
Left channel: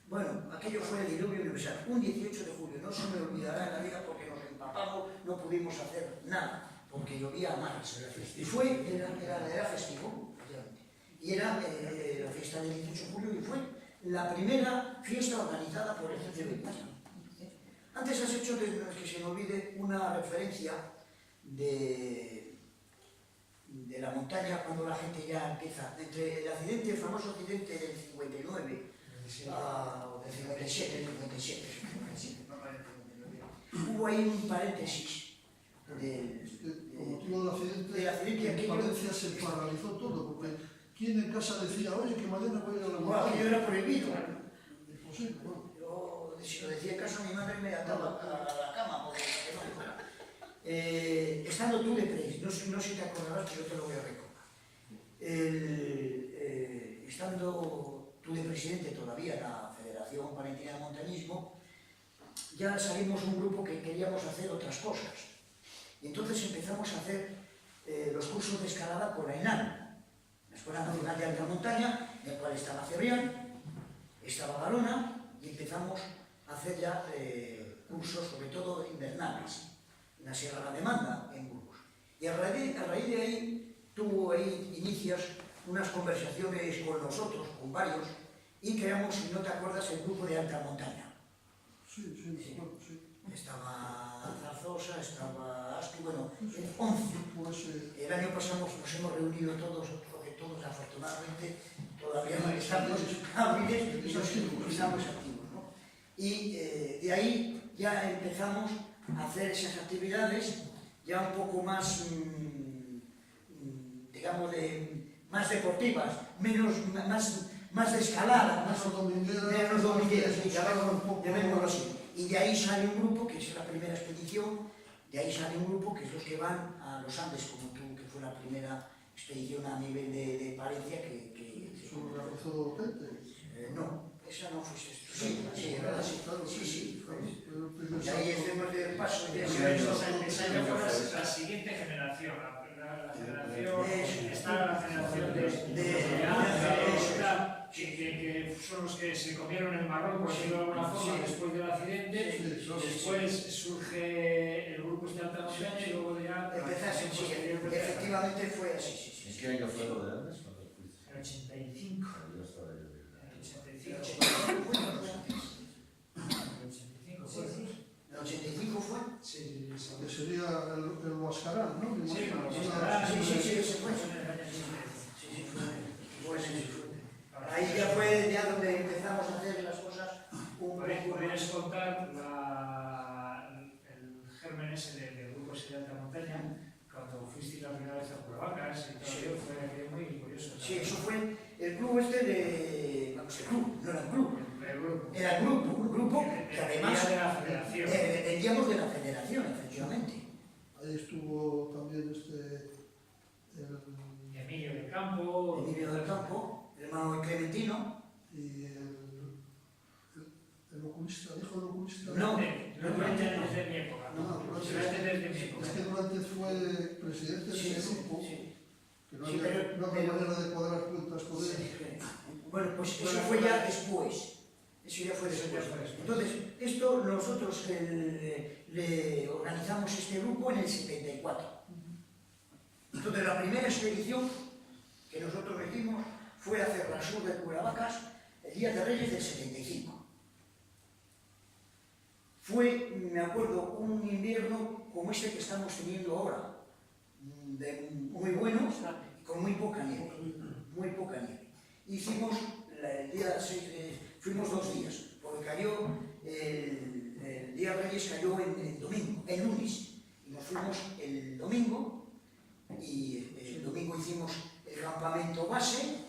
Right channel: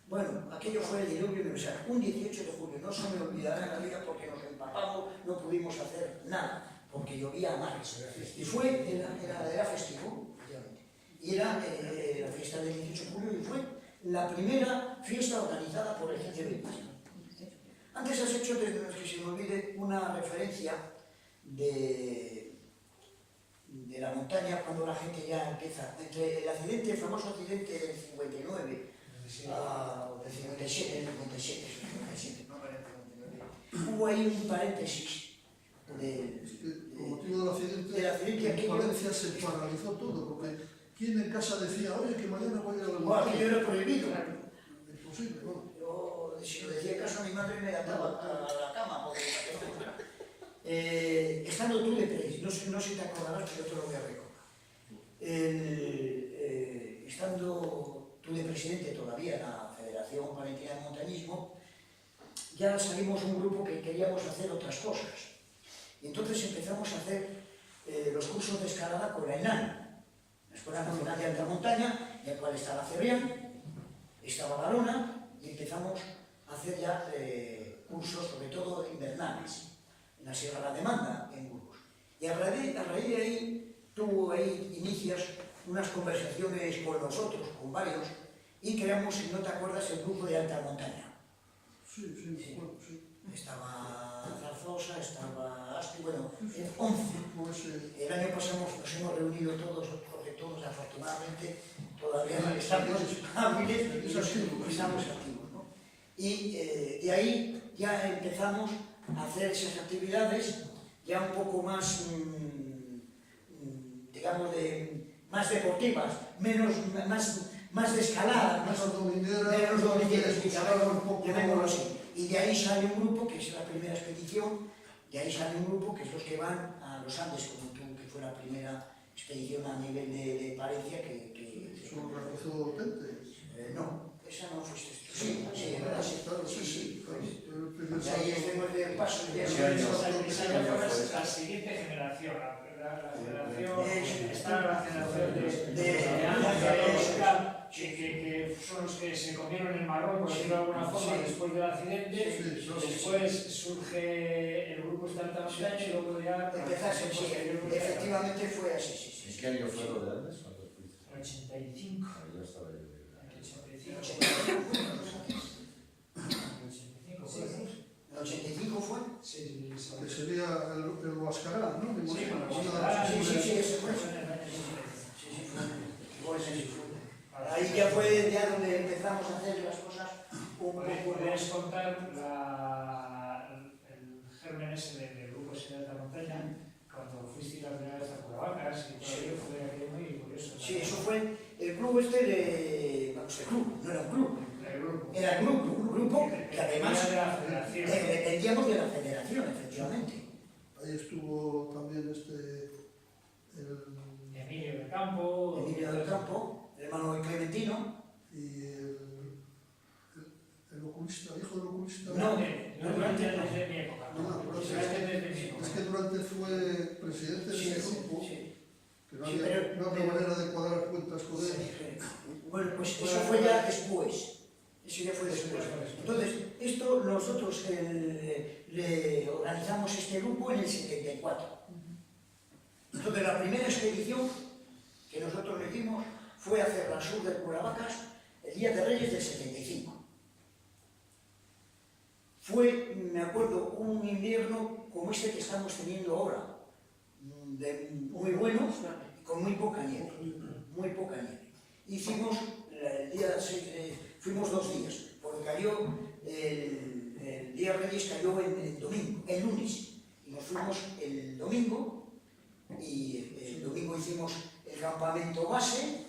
Bueno, aquello fue el diluvio universal. Un 18 de julio, no se me olvidará en la vida porque nos empapamos, no pudimos hacer nada, porque llovía a mares. Y era festivo, y era la fiesta del 18 de julio y fue la primera fiesta organizada por el GCB. Antes has hecho, que se me olvide, una referencia de la montaña cuando la gente ya empieza, entre el accidente, el famoso accidente del 59, o del 57, no parece 59. Hubo ahí un paréntesis Con motivo del accidente en Valencia se paralizó todo, porque ¿quién en casa decía, oye, que mañana voy a ir a la montaña? Aquello era prohibido. Imposible, ¿no? Yo, si lo decía en casa, mi madre me ataba a la cama, porque para que no me fuera. Estando tú de presidente, no sé si te acordarás, pero yo te lo voy a recordar. Estando tú de presidente todavía en la Federación Palentina de Montañismo, ya salimos un grupo que queríamos hacer otras cosas. Y entonces empezamos a hacer los cursos de escalada con la ENAN, la Escuela Nacional de Alta Montaña, en el cual estaba Cebrián, estaba Barona, y empezamos a hacer ya cursos, sobre todo invernales, en la Sierra La Demanda, en Burgos. Y a raíz de ahí, inicias unas conversaciones con nosotros, con varios, y creamos, si no te acuerdas, el grupo de Alta Montaña. Sí, bueno, sí. Estaba Zarzosa, estaba Asti, bueno, 11. Pues, El año pasado nos hemos reunido todos, porque todos afortunadamente todavía no estamos hábiles y estamos activos, ¿no? Y de ahí ya empezamos a hacer esas actividades ya un poco más, digamos, más deportivas, más de escalada, menos domingueras, llamémoslo así. Y de ahí sale un grupo, que es la primera expedición, de ahí sale un grupo que es los que van a los Andes, como tú, que fue la primera expedición a nivel de Palencia que ¿Solo realizó Tente? no, esa no fuiste tú. Sí, ¿verdad? Sí. Y ahí Ahí estemos de paso. La siguiente generación, la generación, está la generación que son los que se comieron el marrón, por decirlo de alguna forma, después del accidente. Después surge el grupo de Alta Montaña y luego ya... Efectivamente fue así, ¿En qué año fue lo de Andes? ¿Cuándo fuiste? El 85. Yo estaba yo de... El 85 fue. Sí, que sería el Huascarán, ¿no? Me sí, imagino. Sí, ese fue. Ahí ya fue donde empezamos a hacer las cosas un poco ¿Podrías más. contar el germen ese del grupo de Alta Montaña cuando fuiste la primera vez a Curavacas y todo aquello? Fue aquello muy curioso. Sí, eso fue el club no era un club. El grupo. Era el grupo que además de la federación. dependíamos de la federación, efectivamente. Ahí estuvo también Emilio del Campo. Emilio del Campo, el hermano Clementino. y el oculista, hijo del oculista. No, Durante desde mi época. Desde mi época. Es que Durante fue presidente de ese grupo, que no Sí, había manera de cuadrar cuentas con él. Bueno, pues eso fue ya después. Eso ya fue después. Entonces, nosotros le organizamos este grupo en el 74. Entonces, la primera expedición que nosotros metimos fue hacer la sur de Curavacas el Día de Reyes del 75. Fue, me acuerdo, un invierno como este que estamos teniendo ahora, muy bueno, con muy poca nieve. Muy poca nieve. Hicimos el día 6, fuimos 2 días, porque cayó el Día de Reyes cayó el domingo, el lunes, y nos fuimos el domingo, y el domingo hicimos el campamento base,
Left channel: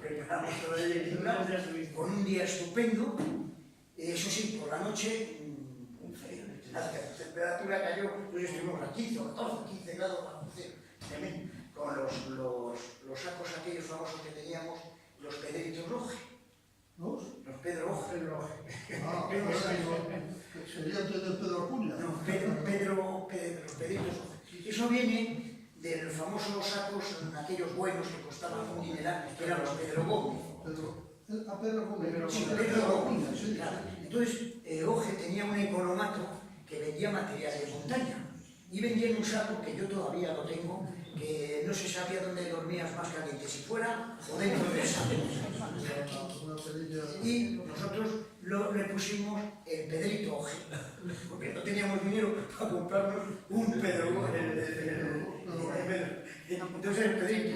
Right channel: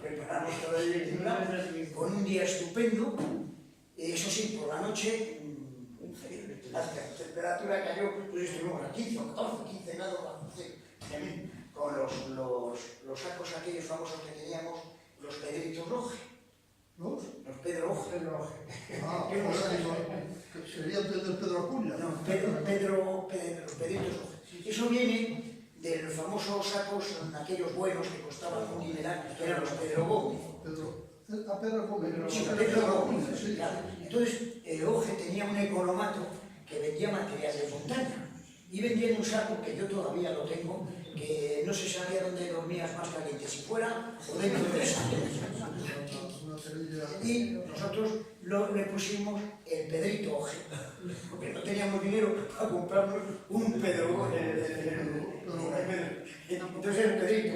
preparamos todo el con un día estupendo. Eso sí, por la noche la temperatura cayó, pues estuvimos a 15 o 14, 15 grados bajo cero, con los sacos aquellos famosos que teníamos, los pedritos rojes. ¿Los? Los Pedro Oje. Ah, sería antes del Pedro Acuña. No, Pedrito Oje. Eso viene del famoso sacos, aquellos buenos que costaban un dineral, que eran los Pedro Gómez. Pedro Gómez. Sí, Pedro Gómez, sí, claro. Entonces, Oje tenía un economato que vendía material de montaña y vendía en un saco que yo todavía lo tengo, que no se sabía dónde dormías más caliente, si fuera o dentro del saco. Y nosotros le pusimos el Pedrito Oje, porque no teníamos dinero para comprarnos un Pedro. Entonces el Pedrito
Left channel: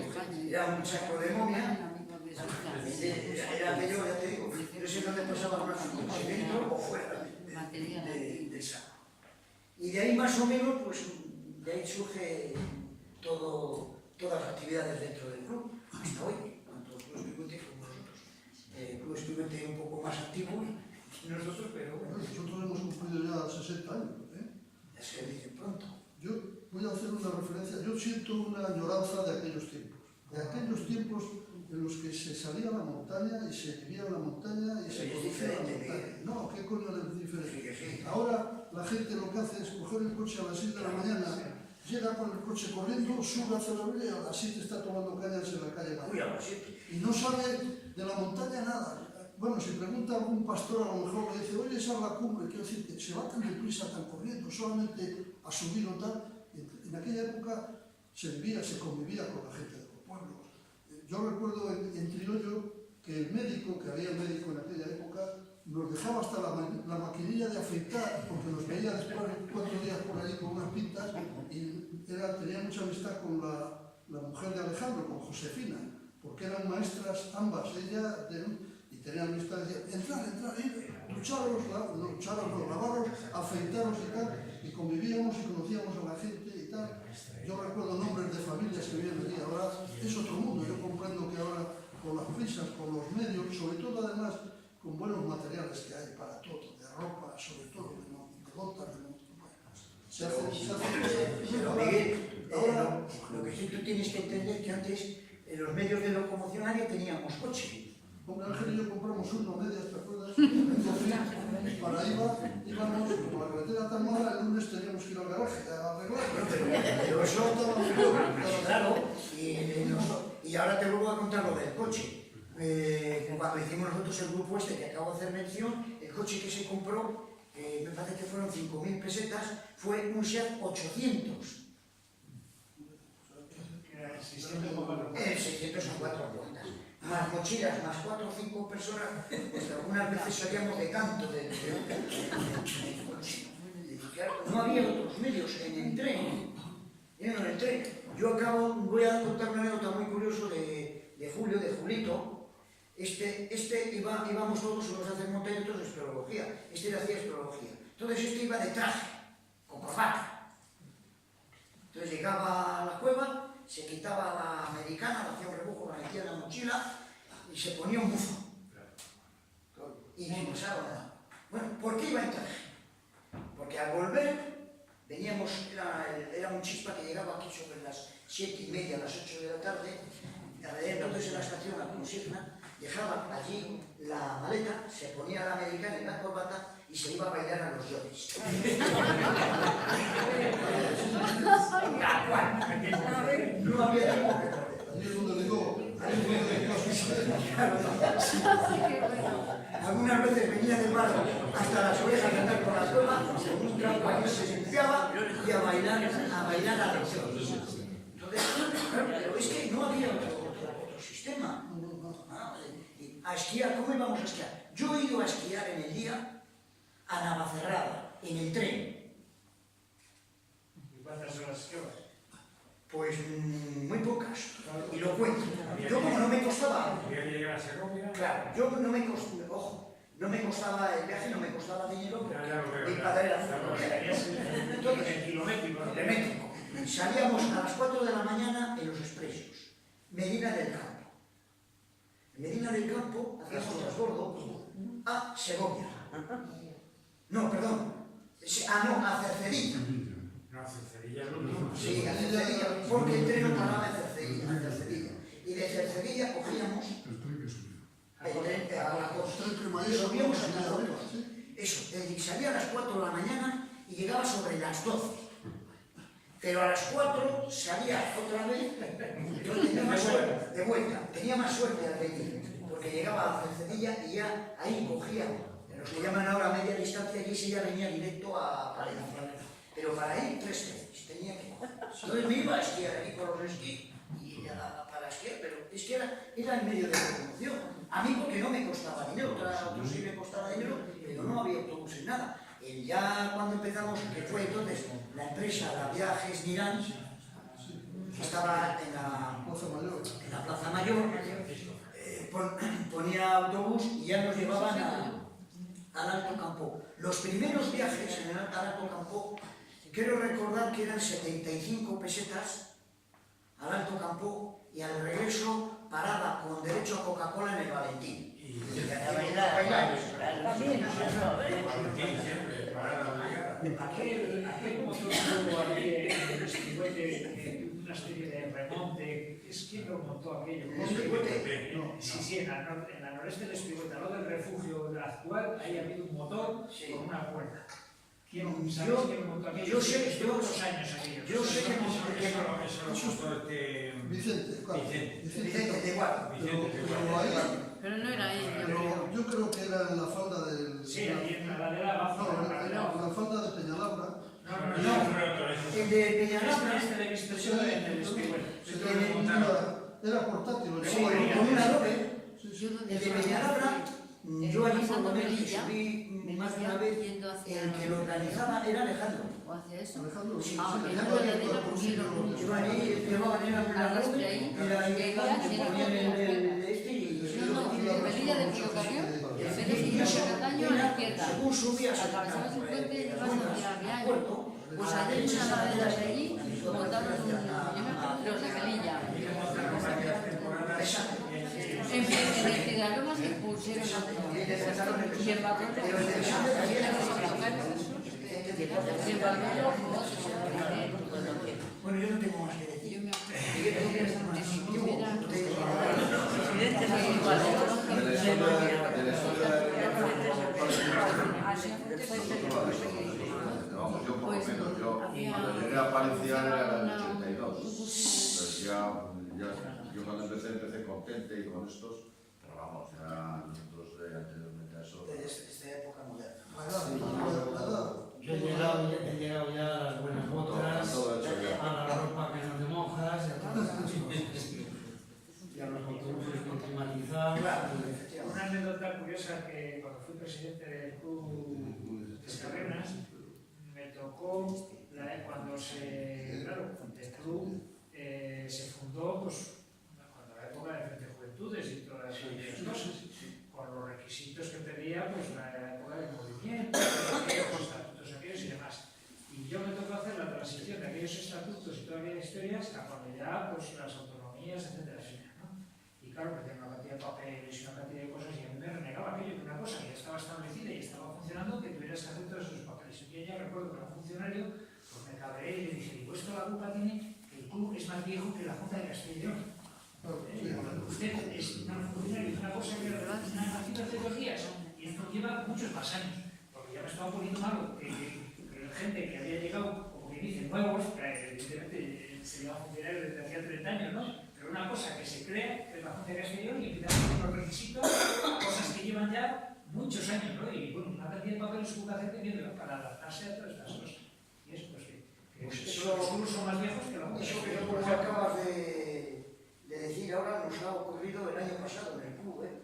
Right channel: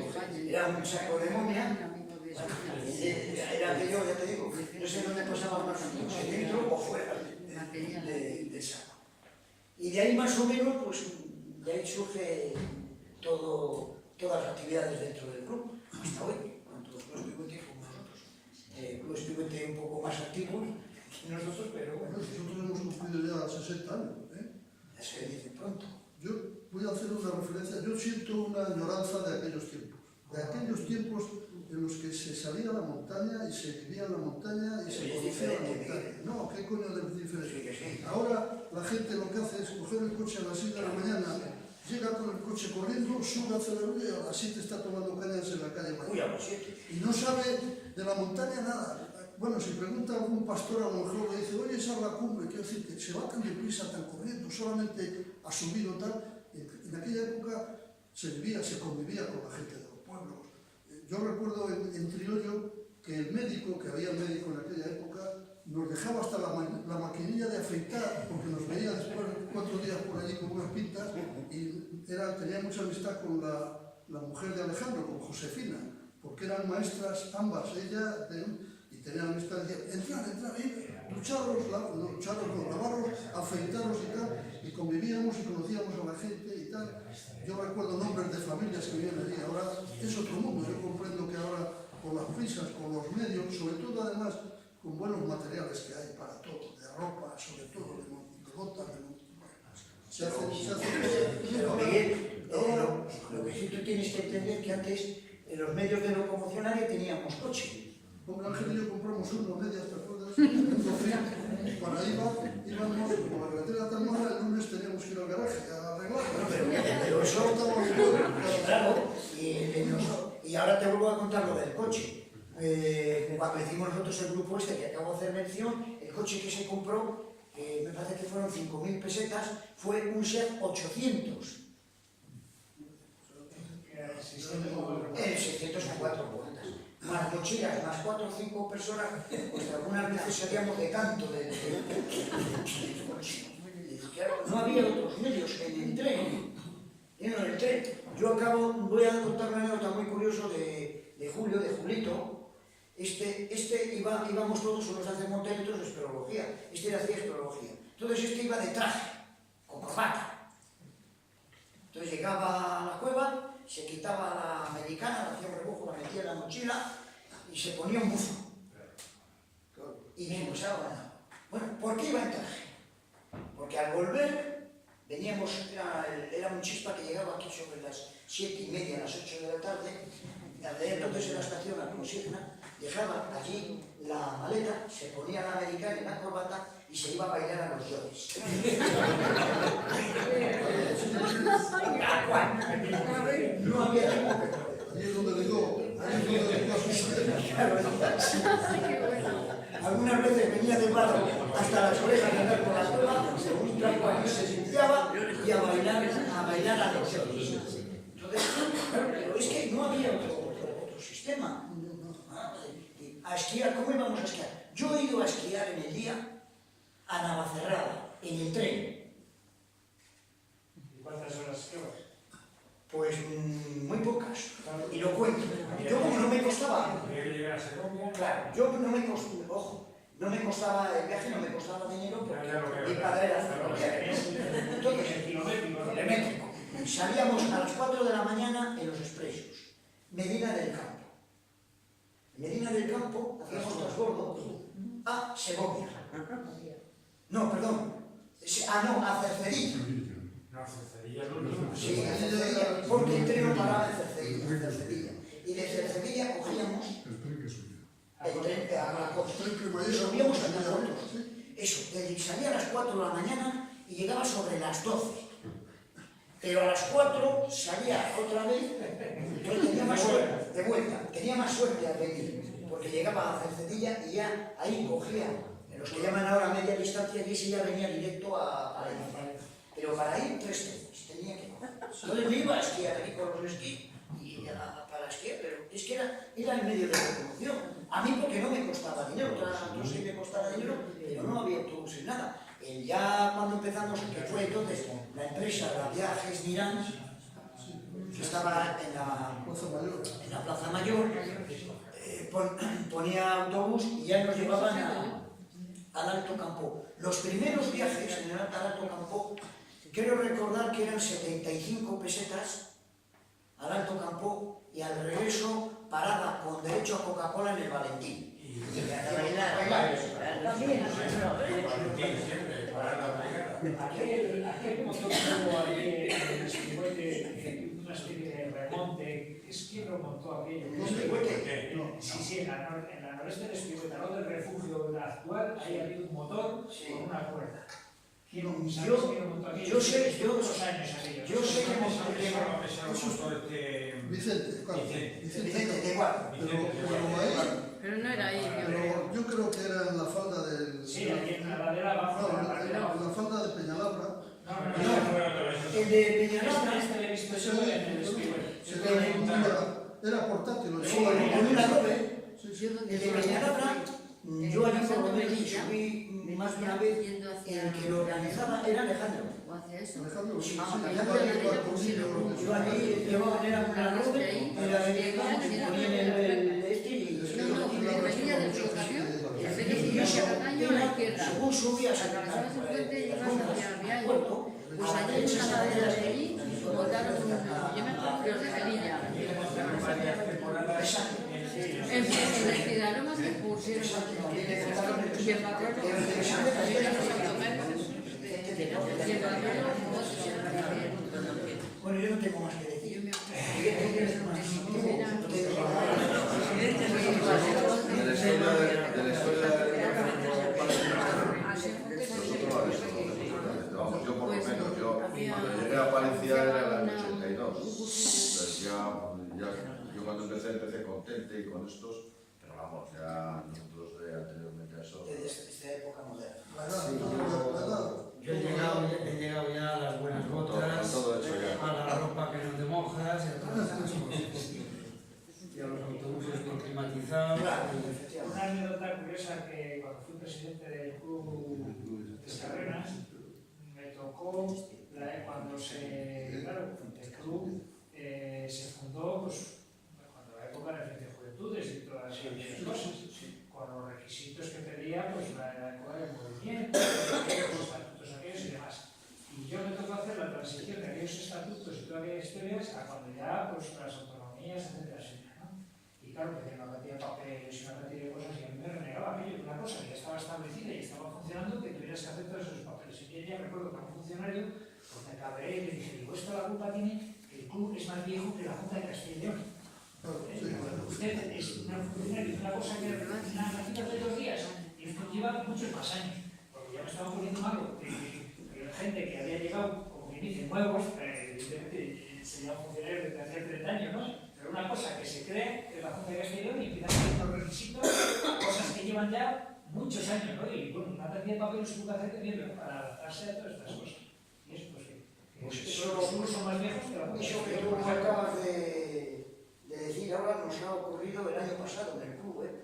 era un saco de momia. Era aquello, ya te digo, no sé dónde pasaba una canción, si dentro o fuera del saco. Y de ahí más o menos, pues de ahí surge todas las actividades dentro del club, hasta hoy, tanto el Club Estudiante como nosotros. El Club Estudiante un poco más activo que nosotros, pero bueno. Nosotros hemos cumplido ya 60 años, Ya se dice pronto. Yo voy a hacer una referencia, yo siento una añoranza de aquellos tiempos en los que se salía a la montaña y se vivía en la montaña y se conocía la montaña. No, ¿qué coño es diferente? Ahora la gente lo que hace es coger el coche a las 6 de la mañana, llega con el coche corriendo, sube hacia la orilla y a las 7 está tomando cañas en la calle Mayor. Uy, a las 7. Y no sabe de la montaña nada. Bueno, si pregunta a algún pastor, a lo mejor le dice, oye, esa es la cumbre, quiero decir que se va tan deprisa, tan corriendo, solamente a subir o tal. En aquella época se vivía, se convivía con la gente de los pueblos. Yo recuerdo en Triollo que el médico, que había médico en aquella época, nos dejaba hasta la maquinilla de afeitar, porque nos veía después 4 días por allí con unas pintas, y tenía mucha amistad con la mujer de Alejandro, con Josefina, porque eran maestras ambas, ella y tenían amistad, decía, entrar, ducharos, lavaros, afeitaros y tal, y convivíamos y conocíamos a la gente y tal. Yo recuerdo nombres de familias que vivían allí, ahora es otro mundo. Yo comprendo que ahora con las prisas, con los medios, sobre todo además con buenos materiales que hay para todo, de ropa, sobre todo, de botas, Pero Miguel, lo que sí tú tienes que entender que antes en los medios de locomoción nadie teníamos coche. Con Ángel y yo compramos unos medias, ¿te acuerdas? Para íbamos, como la carretera tan mala, el lunes teníamos que ir al garaje a arreglar. Pero eso, claro, y ahora te vuelvo a contar lo del coche. Cuando hicimos nosotros el grupo este que acabo de hacer mención, el coche que se compró, me parece que fueron 5.000 pesetas, fue un Seat 800. El 600 a 4 puertas. Más mochilas, más 4 o 5 personas, pues algunas veces salíamos de canto del coche. No había otros medios en el tren. Yo voy a contar una anécdota muy curiosa de Julio, de Julito. Íbamos todos, unos hacen montaña y otros de espeleología. Este hacía espeleología. Entonces iba de traje, con corbata. Entonces llegaba a la cueva, se quitaba la americana, hacía un rebujo, la metía en la mochila y se ponía un buzo. Y sin pasaba nada. Bueno, ¿por qué iba en traje? Porque al volver veníamos, era un chispa que llegaba aquí sobre las 7:30, las 8 de la tarde, entonces en la estación, la consigna, dejaba allí la maleta, se ponía la americana y la corbata y se iba a bailar a los yodes. No había tiempo que correr. Allí es donde le a suceder. Algunas veces venía de barro hasta las orejas de andar por la cueva, un trapo allí se limpiaba y a bailar a los yodes. Entonces, claro, pero es que no había otro sistema. A esquiar, ¿cómo íbamos a esquiar? Yo he ido a esquiar en el día a Navacerrada, en el tren. ¿Y cuántas horas esquiabas? Pues muy pocas, y lo cuento. Yo como no me costaba... Claro, yo no me costaba, ojo, no me costaba el viaje, no me costaba dinero, porque mi padre era ferroviario. Entonces, kilométrico. Salíamos a las 4 de la mañana en los expresos, Medina del Campo. En Medina del Campo hacíamos transbordo a Segovia. No, perdón. A Cercedilla. Sí, a Cercedilla, porque el tren no paraba en Cercedilla. Y de Cercedilla cogíamos el tren a Manacor. Tren cremallera, Subíamos hasta Torretos. sí. Eso, salía a las 4 de la mañana y llegaba sobre las 12. Pero a las 4 salía otra vez, entonces tenía más suerte, de vuelta, tenía más suerte al venir, porque llegaba a Cercedilla y ya ahí cogía, en los que llaman ahora media distancia, y ese ya venía directo a Palencia. Pero para ir 3 veces tenía que coger. Entonces me iba a esquiar ahí con los esquí, y para esquiar, pero es que era el medio de locomoción. A mí porque no me costaba dinero, a otros sí me costaba dinero, pero no había autobuses, nada. Ya cuando empezamos, que fue entonces la empresa, la Viajes Mirán, que estaba en la Plaza Mayor, ponía autobús y ya nos llevaban al Alto Campo. Los primeros viajes en el Alto Campo, quiero recordar que eran 75 pesetas al Alto Campo y al regreso parada con derecho a Coca-Cola en el Valentín. Aquel motor tuvo aquí en el Espigüete una especie de remonte. Es quien lo montó aquello. Sí, en la noreste del Espigüete, al lado del refugio actual, ahí ha habido un motor con una cuerda. ¿Sabes quién lo montó aquello? Yo sé, ¿Cuántos años aquello? yo sé que montó Vicente, claro. Vicente de Guapo. Pero ahí, Pero no era ahí, yo pero creo. yo creo que era en la falda del... Sí, aquí en la ladera abajo. No, en la falda de Peñalabra. No. El de Peñalabra, Este de visto solo en el Espigüete. Era portátil. sí, con una doble. Yo donde El de Peñalabra, yo allí por lo menos subí más de una vez. El que lo organizaba era Alejandro. o hacia eso. Alejandro, sí, Ah, sí, en la Alejandro ladera iba por pusieron sitio- un- Yo allí llevaban, era una doble, era ponían el este y... No, en la villa del ferrocarril, en vez de seguir hacia Cataño, a la izquierda. Según subías Atravesabas el puente y las vas ruinas hacia al Riaño. puerto, Pues a la allí en derecha una ladera de allí, yo botaron un... Yo me acuerdo de Melilla. En el Ciudadanos se pusieron y en Barrolo y en Barrolo Bueno, yo no tengo más que decir. yo me acuerdo era De la historia nosotros lo desconocemos totalmente. Vamos, yo por lo menos, yo cuando llegué a Palencia era en el 82. Entonces yo cuando empecé contente y con estos, pero vamos, ya nosotros anteriormente a eso. Desde esta época moderna. Yo he llegado ya a las buenas botas, Todo hecho ya. a la ropa que no te mojas y a todas esas cosas. Y a los autobuses bien climatizados. Una anécdota curiosa que cuando fui presidente del club Escarrenas, me tocó cuando el club se fundó pues, cuando la época del Frente de Juventudes y todas esas cosas, con los requisitos que pedía pues, la época del movimiento, los estatutos aquellos y demás. Y yo me tocó hacer la transición de aquellos estatutos y todas aquellas historias a cuando ya pues, las autonomías, etcétera, ¿no? Y claro, porque hay una cantidad de papeles y una cantidad de cosas y a mí me renegaba aquello, una cosa que ya estaba establecida y estaba funcionando, que tuvieras que hacer todos esos papeles. Y yo ya recuerdo que un funcionario pues me cabreé y le dije, digo, esto la culpa tiene que el club es más viejo que la Junta de Castilla y León. Usted es una funcionaria, es una cosa que nacida hace 2 días y esto lleva muchos más años, porque ya me estaba poniendo malo que gente que había llegado, como quien dice, nuevos, evidentemente serían funcionarios desde hacía 30 años, ¿no? Pero una cosa que se crea, que es la Junta de Castilla y León, y empiezan a hacer unos requisitos, cosas que llevan ya muchos años, ¿no? Y bueno, una cantidad de papeles que hubo que hacer también para adaptarse a todas estas cosas. Y eso, pues que Pues los clubes son más viejos que la Junta de Eso que Castilla y tú León. acabas de decir ahora nos ha ocurrido el año pasado en el club, ¿eh?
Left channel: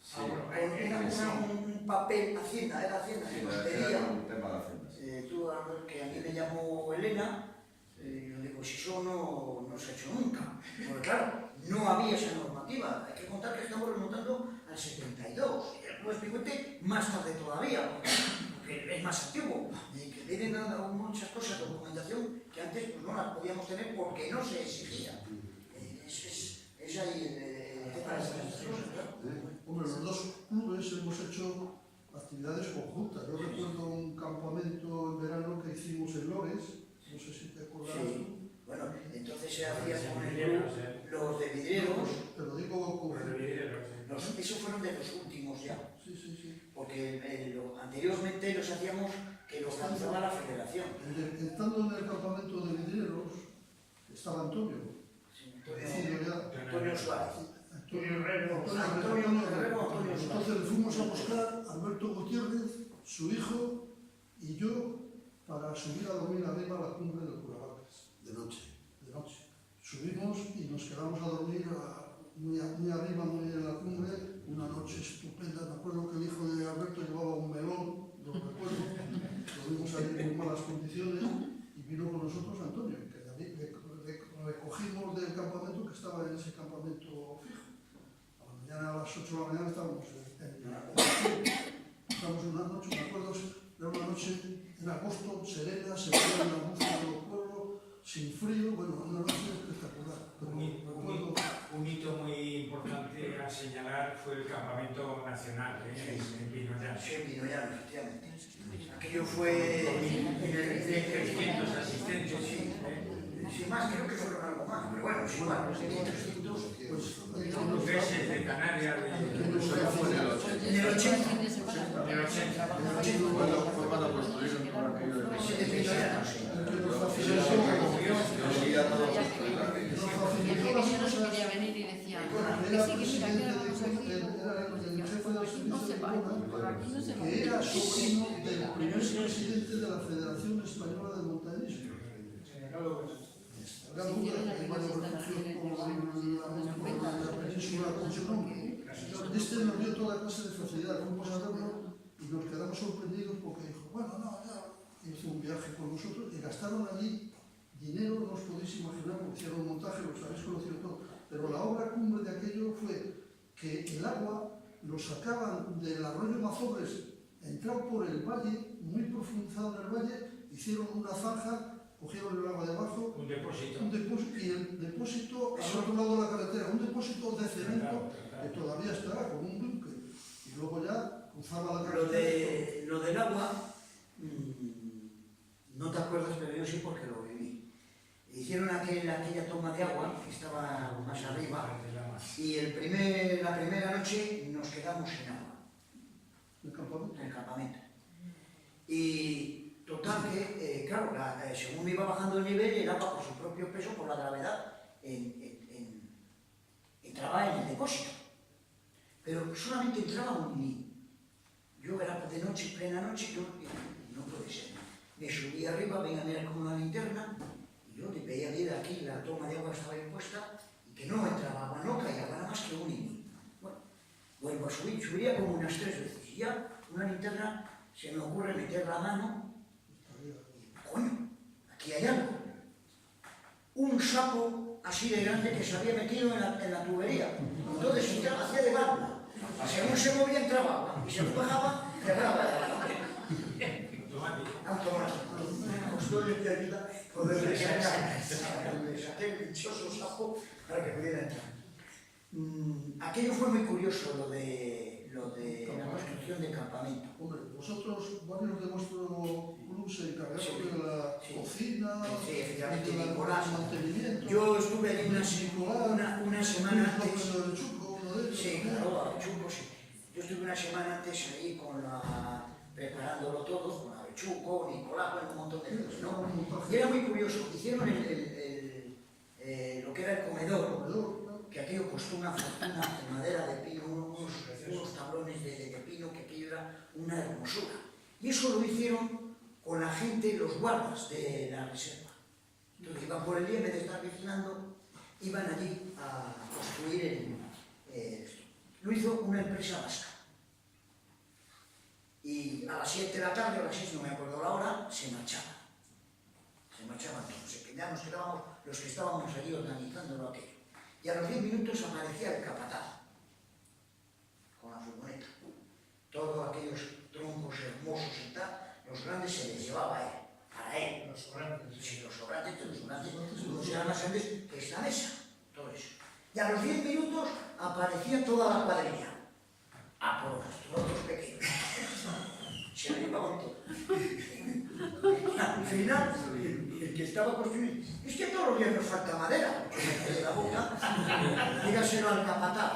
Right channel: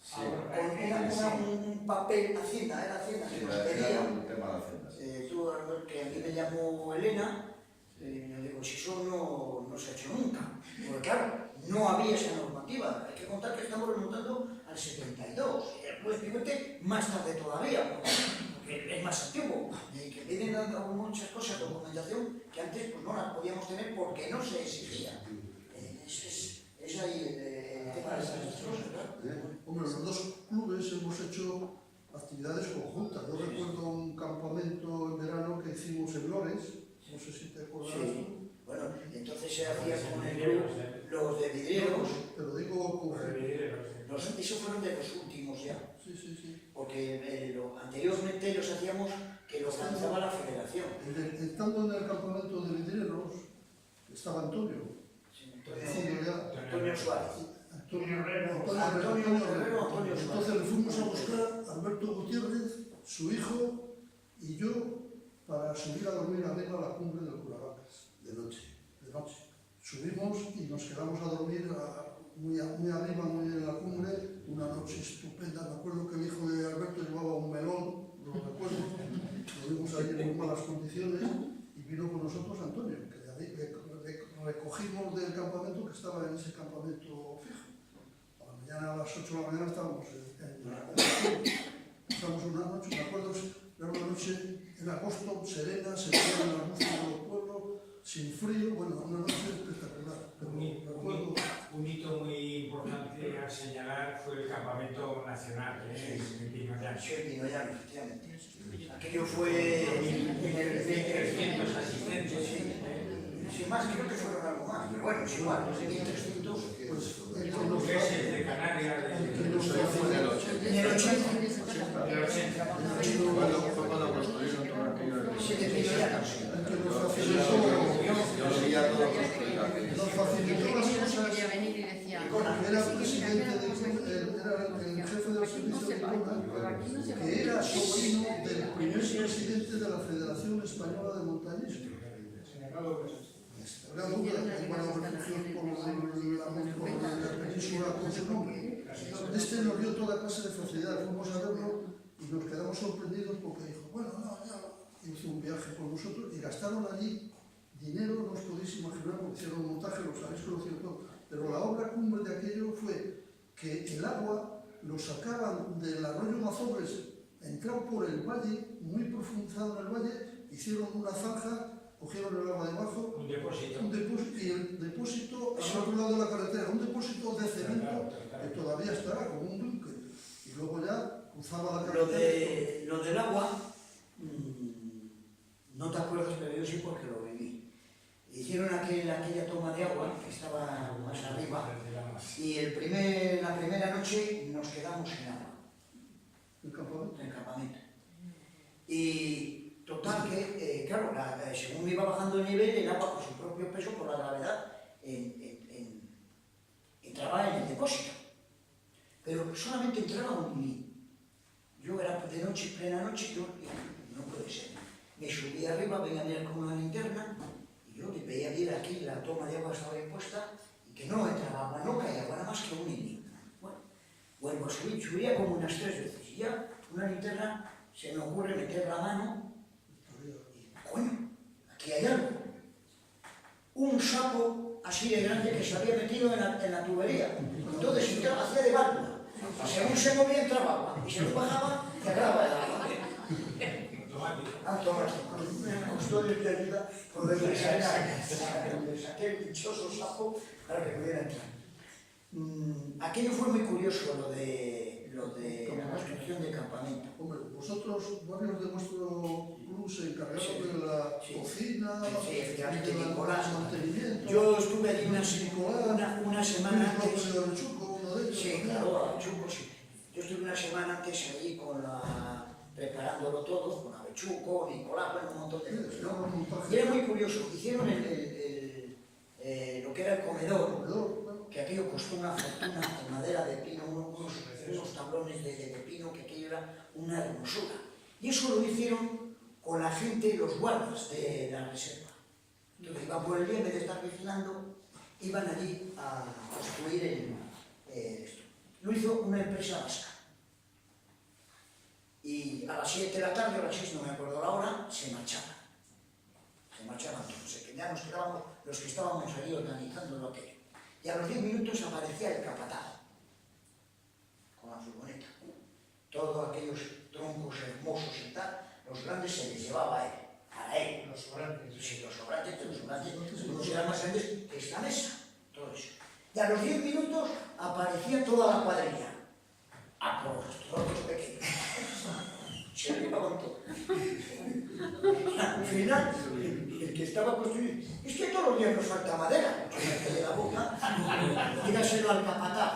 Sí, Un papel Hacienda, era Hacienda que nos era pedía. un tema de Hacienda. Sí. Tú, que a mí me llamó Elena, yo digo, si eso no se ha hecho nunca. Porque claro, no había esa normativa. Hay que contar que estamos remontando al 72. Y el Club Espigüete más tarde todavía, porque es más antiguo. Y que tienen muchas cosas, documentación, que antes pues, no las podíamos tener porque no se exigía. Es ahí el tema de estas cosas, ¿verdad? Hombre, los dos clubes hemos hecho actividades conjuntas. Yo recuerdo un campamento en verano que hicimos en Lores, no sé si te acordarás tú. Sí. Bueno, entonces se hacía con el club los de vidrieros. Te lo digo con... Eso Óscar, Alberto Gutiérrez, su hijo y yo para subir a dormir arriba a la cumbre del Curaracas. De noche. De noche. Subimos y nos quedamos a dormir muy arriba, muy en la cumbre, una noche estupenda. Me acuerdo que el hijo de Alberto llevaba un melón, lo recuerdo, estuvimos ahí en muy malas condiciones y vino con nosotros Antonio, que le recogimos del campamento, que estaba en ese campamento fijo. A la mañana, a las 8 de la mañana estábamos en la cumbre. Pasamos una noche, me acuerdo, era una noche en agosto, serena, se veían las luces de los pueblos, sin frío, bueno, una noche espectacular. Pero me acuerdo, Un hito muy importante a señalar fue el campamento nacional en Pinoyano. Sí, en Pinoyano, efectivamente. Aquello fue en el 300 asistentes. Sin más, creo que fueron algo más, pero bueno, es igual, 1.300. pues, Ingleses de Canarias, Eso ya fue en el 80. En el 80. del 80. Fue cuando construyeron todo aquello de Sí, de Pinoyano, sí. Yo lo vi ya todo construido aquello. nos facilitó las cosas. Quería venir y decía, Era sí, que mira, presidente que vamos aquí. era el jefe del Aquí no servicio se de va, por Icona, aquí no se va. que era sobrino del primer presidente de la Federación Española de Montañismo. Gran duda, que hay varios refugios por la península con su nombre. Este nos dio toda clase de facilidad, fuimos a verlo y nos quedamos sorprendidos porque dijo, bueno, no, ya hizo un viaje con nosotros y gastaron allí dinero, no os podéis imaginar, porque hicieron un montaje, los habéis conocido todo, pero la obra cumbre de aquello fue que el agua lo sacaban del arroyo Mazobres, entraron por el valle, muy profundizado en el valle, hicieron una zanja, cogieron el agua debajo, Un depósito. y el depósito al otro lado de la carretera, un depósito de cemento que todavía estará como un búnker, y luego ya cruzaba la carretera. Lo del agua, no te acuerdas, pero yo sí porque lo viví. Hicieron aquella toma de agua, que estaba más arriba, y la primera noche nos quedamos sin agua ¿El campamento? en el campamento. Y total que, claro, según iba bajando el nivel, el agua por su propio peso, por la gravedad, entraba en el depósito. Pero solamente entraba un milímetro. Yo era de noche, plena noche, yo no puede ser. Me subí arriba, venía a mirar con una linterna, y yo le veía bien aquí, la toma de agua estaba impuesta, y que no entraba agua, no caía agua, nada más que un milímetro. Bueno, vuelvo a subir, subiría como unas 3 veces, y ya una linterna se me ocurre meter la mano, y coño, aquí hay algo. Un sapo así de grande que se había metido en la tubería. Entonces entraba, hacía de válvula. Según se movía entraba agua, y según bajaba, cerraba el agua. Automático. Me costó de ayuda poderle sacar. Le saqué el dichoso sapo para que pudiera entrar. Aquello fue muy curioso, lo de la construcción del campamento. Hombre, vosotros, varios de vuestro club se encargaron Sí. de la Sí. cocina, Sí, efectivamente, del Nicolás. mantenimiento. Yo estuve allí una semana antes. El Chuco, uno de ellos. Sí, claro, avechuco, sí. Yo estuve una semana antes allí preparándolo todo, con avechuco, Nicolás, bueno, un montón de cosas, ¿no? Y era muy curioso, hicieron lo que era el comedor, que aquello costó una fortuna de madera de pino, unos tablones de pino, que aquello era una hermosura. Y eso lo hicieron con la gente, los guardas de la reserva. Entonces iban por el día, en vez de estar vigilando, iban allí a construir esto. Lo hizo una empresa vasca. Y a las 7 de la tarde, o a las 6, no me acuerdo la hora, se marchaban. Se marchaban todos. Ya nos quedábamos los que estábamos allí organizándolo aquello. Y a los 10 minutos aparecía el capataz, con la furgoneta. Todos aquellos troncos hermosos y tal, los grandes se les llevaba a él, para él. Los sobrantes. Sí, los sobrantes eran más grandes que esta mesa, todo eso. Y a los 10 minutos aparecía toda la cuadrilla. Ah, por los trozos pequeños. Se lo llevaban todo. Al final, el que estaba construyendo, es que todos los días nos falta madera. Yo me quedé la boca, dígaselo al capataz.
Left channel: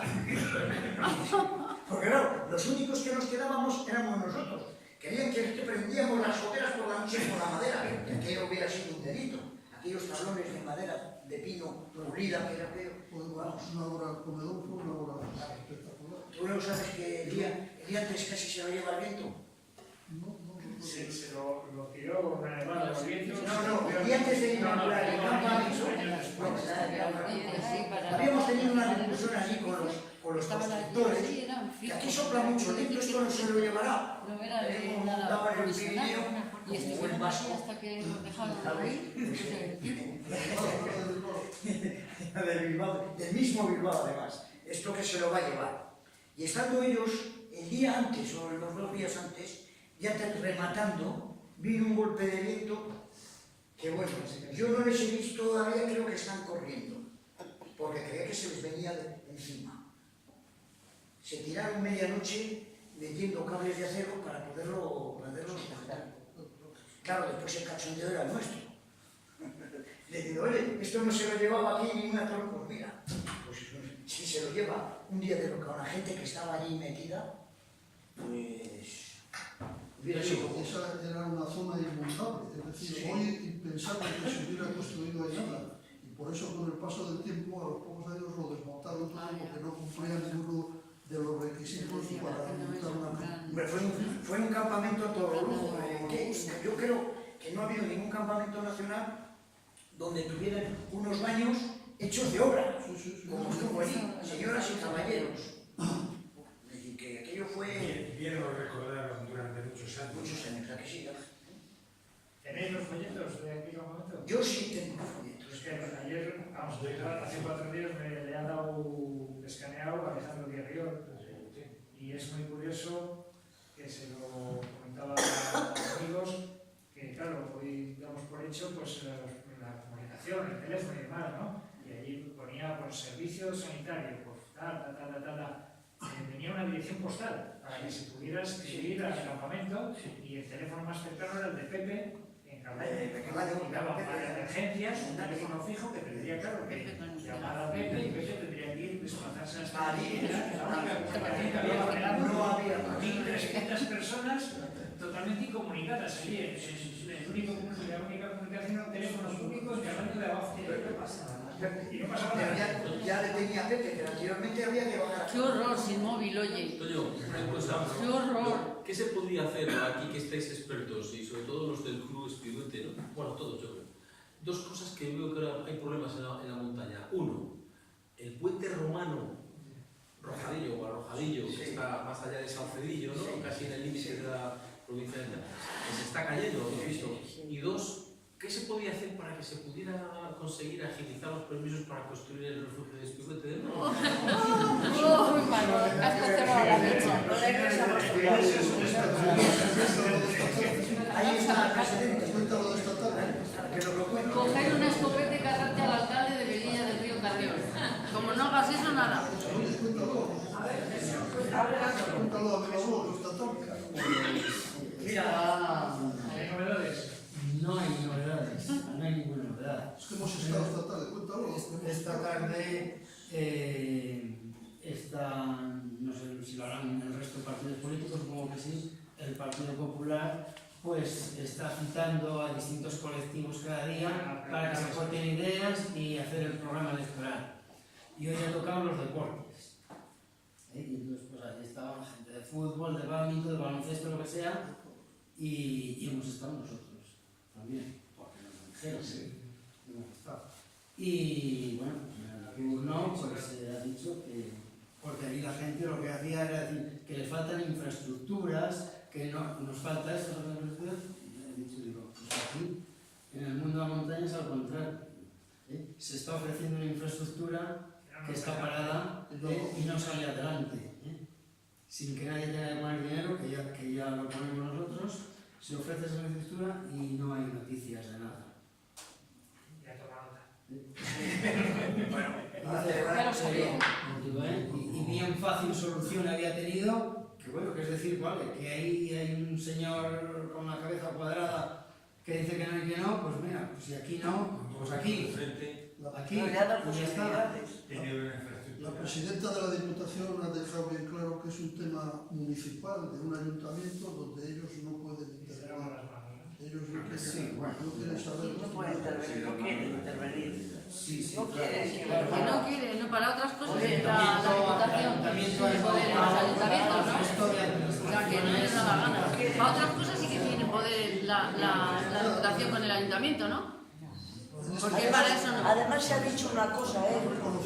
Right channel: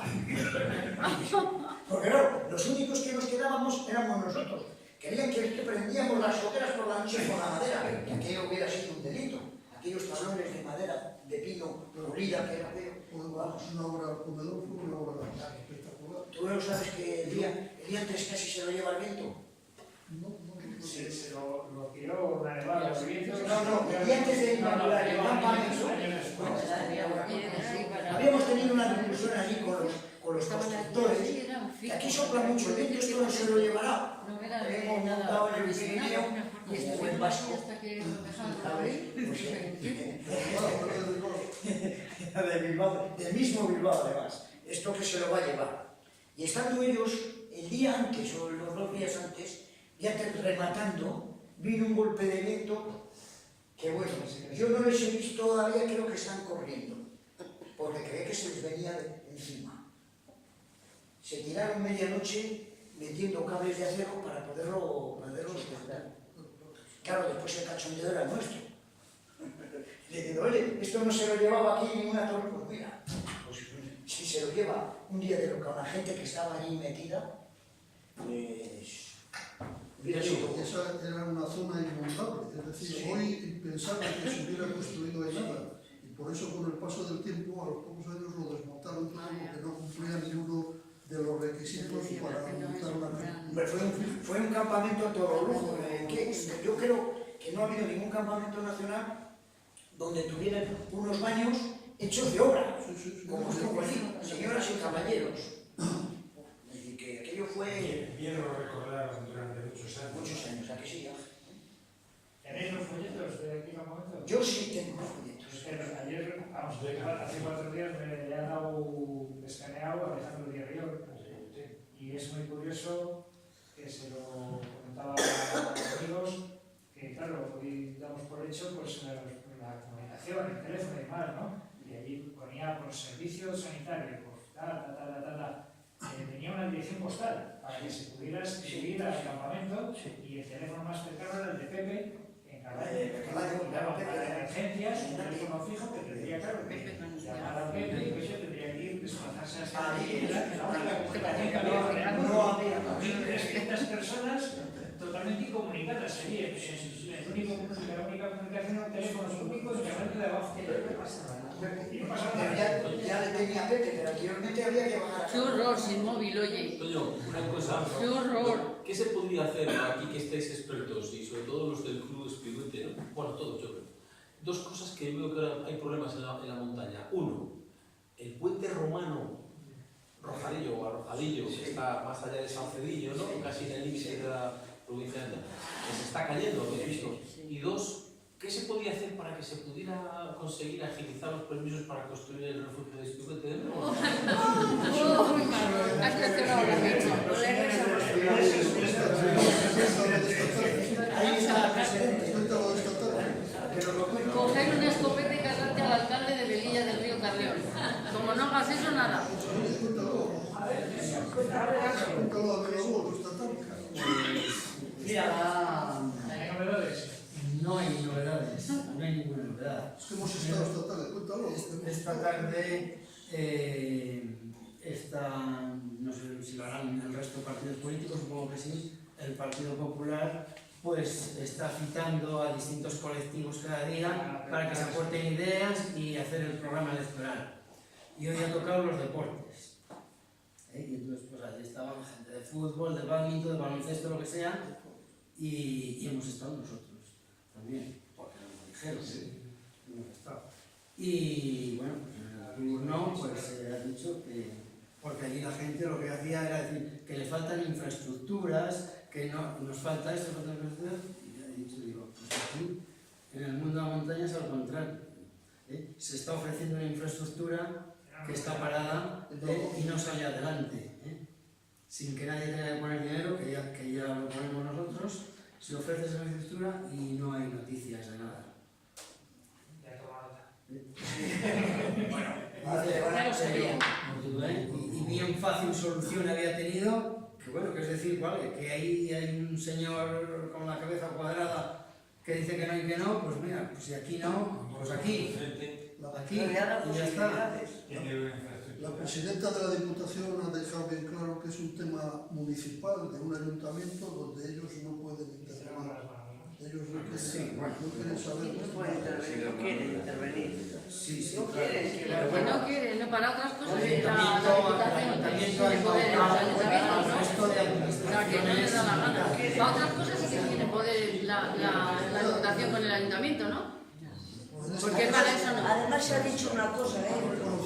Porque no, los únicos que nos quedábamos éramos nosotros. Querían que prendíamos las hogueras por la noche con la madera, que aquello hubiera sido un delito. Aquellos tablones de madera, de pino, pulida, que era aquello. Una hora al comedor fue una hora espectacular. Tú no sabes que el día Y antes casi se lo lleva el viento. Sí, se lo tiró una nevada, los vientos. Y antes de inaugurar el campamento, habíamos tenido una discusión allí con los constructores, que aquí sopla mucho el viento, esto no se lo llevará. Hemos montado en el Pirineo y este buen vasco. De Bilbao, del mismo Bilbao además, esto que se lo va a llevar. Y estando ellos, el día antes o los 2 días antes, ya rematando, vino un golpe de viento que bueno, yo no les he visto todavía, creo que están corriendo, porque creía que se les venía encima. Se tiraron medianoche metiendo cables de acero para poderlo sujetar. Claro, después el cachondeo era nuestro. Diciendo, oye, esto no se lo llevaba aquí ni una torre. Pues mira, pues si se lo lleva un día de loca una gente que estaba allí metida, pues hubiera sido. Esa era una zona inundable, es decir, Sí. hoy pensaban que se hubiera construido ahí nada, y por eso con el paso del tiempo, a los pocos años lo desmontaron todo porque no cumplía ninguno de los requisitos para montar una casa. Hombre, fue un campamento a todo lujo. Yo creo que no ha habido ningún campamento nacional donde tuvieran unos baños hechos de obra, como estuvo allí, señoras y caballeros. Es decir, que aquello fue Bien lo recordaron durante muchos años. ¿a que sí? ¿Tenéis los folletos de aquel momento? Yo sí tengo folletos. Es que ayer, vamos, hace 4 días me ha dado escaneado a Alejandro Diarriol y es muy curioso que se lo comentaba a los amigos que claro, hoy damos por hecho pues la comunicación, el teléfono y demás, ¿no? Y allí ponía por servicio sanitario, pues venía una dirección postal para que se pudiera escribir al campamento y el teléfono más cercano era el de Pepe en Caballo, para emergencias, un teléfono fijo que tendría, claro, que llamar a Pepe y Pepe tendría que ir, desplazarse a esta no había 1.300 personas totalmente incomunicadas allí. La única comunicación era un teléfono público en Carvalho de abajo. Y no pasaba Pero nada. ya le tenía Pepe, pero anteriormente había que bajar a Qué horror sin móvil, oye. Toño, una cosa. Qué horror. ¿Qué se podría hacer aquí que estáis expertos y sobre todo los del Club Espigüete, ¿no? Bueno, todos yo creo. 2 cosas que veo que ahora hay problemas en la montaña. Uno, el puente romano Rojadillo o Arrojadillo, que está más allá de San Cedillo, ¿no? Casi en el límite de la provincia de que se está cayendo, ¿no? Y 2, ¿qué se podía hacer para que se pudiera conseguir agilizar los permisos para construir el refugio de Espigüete? Ahí está el presidente. Cuéntalo de esta tarde. Coger una escopeta y cargarte al alcalde de Velilla del Río Carrión. Como no hagas eso, nada. Cuéntalo de la voz esta tarde. Mira, ¿Hay novedades? no hay novedades, no hay ninguna novedad. Es que hemos estado esta tarde, cuéntalo. Esta tarde no sé si lo harán el resto de partidos políticos, supongo que sí, el Partido Popular pues está citando a distintos colectivos cada día para que se aporten ideas y hacer el programa electoral. Y hoy ha tocado los deportes. Y entonces pues ahí estaban gente de fútbol, de bádminton, de baloncesto, lo que sea, y hemos estado nosotros también, porque nos lo dijeron, hemos estado. Y bueno, el turno pues ha dicho que, porque allí la gente lo que hacía era decir que le faltan infraestructuras, que no, nos falta esto, nos falta infraestructuras, y le he dicho, digo, pues aquí, en el mundo de la montaña es al contrario. Se está ofreciendo una infraestructura que está parada y no sale adelante, sin que nadie tenga que poner dinero, que ya lo ponemos nosotros, se ofrece esa infraestructura y no hay noticias de nada. Ya toma Bueno, y bien fácil solución había tenido, que bueno, que es decir, vale, que ahí hay un señor con la cabeza cuadrada que dice que no y que no, pues mira, pues si aquí no, pues aquí, y ya está. La presidenta de la Diputación ha dejado bien claro que es un tema municipal de un ayuntamiento donde ellos no pueden intervenir. ellos no quieren, Sí, bueno. no quieren saber. No pueden intervenir, no quieren intervenir. Sí, sí, No claro. quieren, Pero que no quiere, no, para otras cosas Oye, la Diputación tiene poder en los ayuntamientos, ¿no? Claro, que no les da la gana. Para otras cosas sí que tiene poder la Diputación con el Ayuntamiento, ¿no? Porque para eso no. Además se ha dicho una cosa,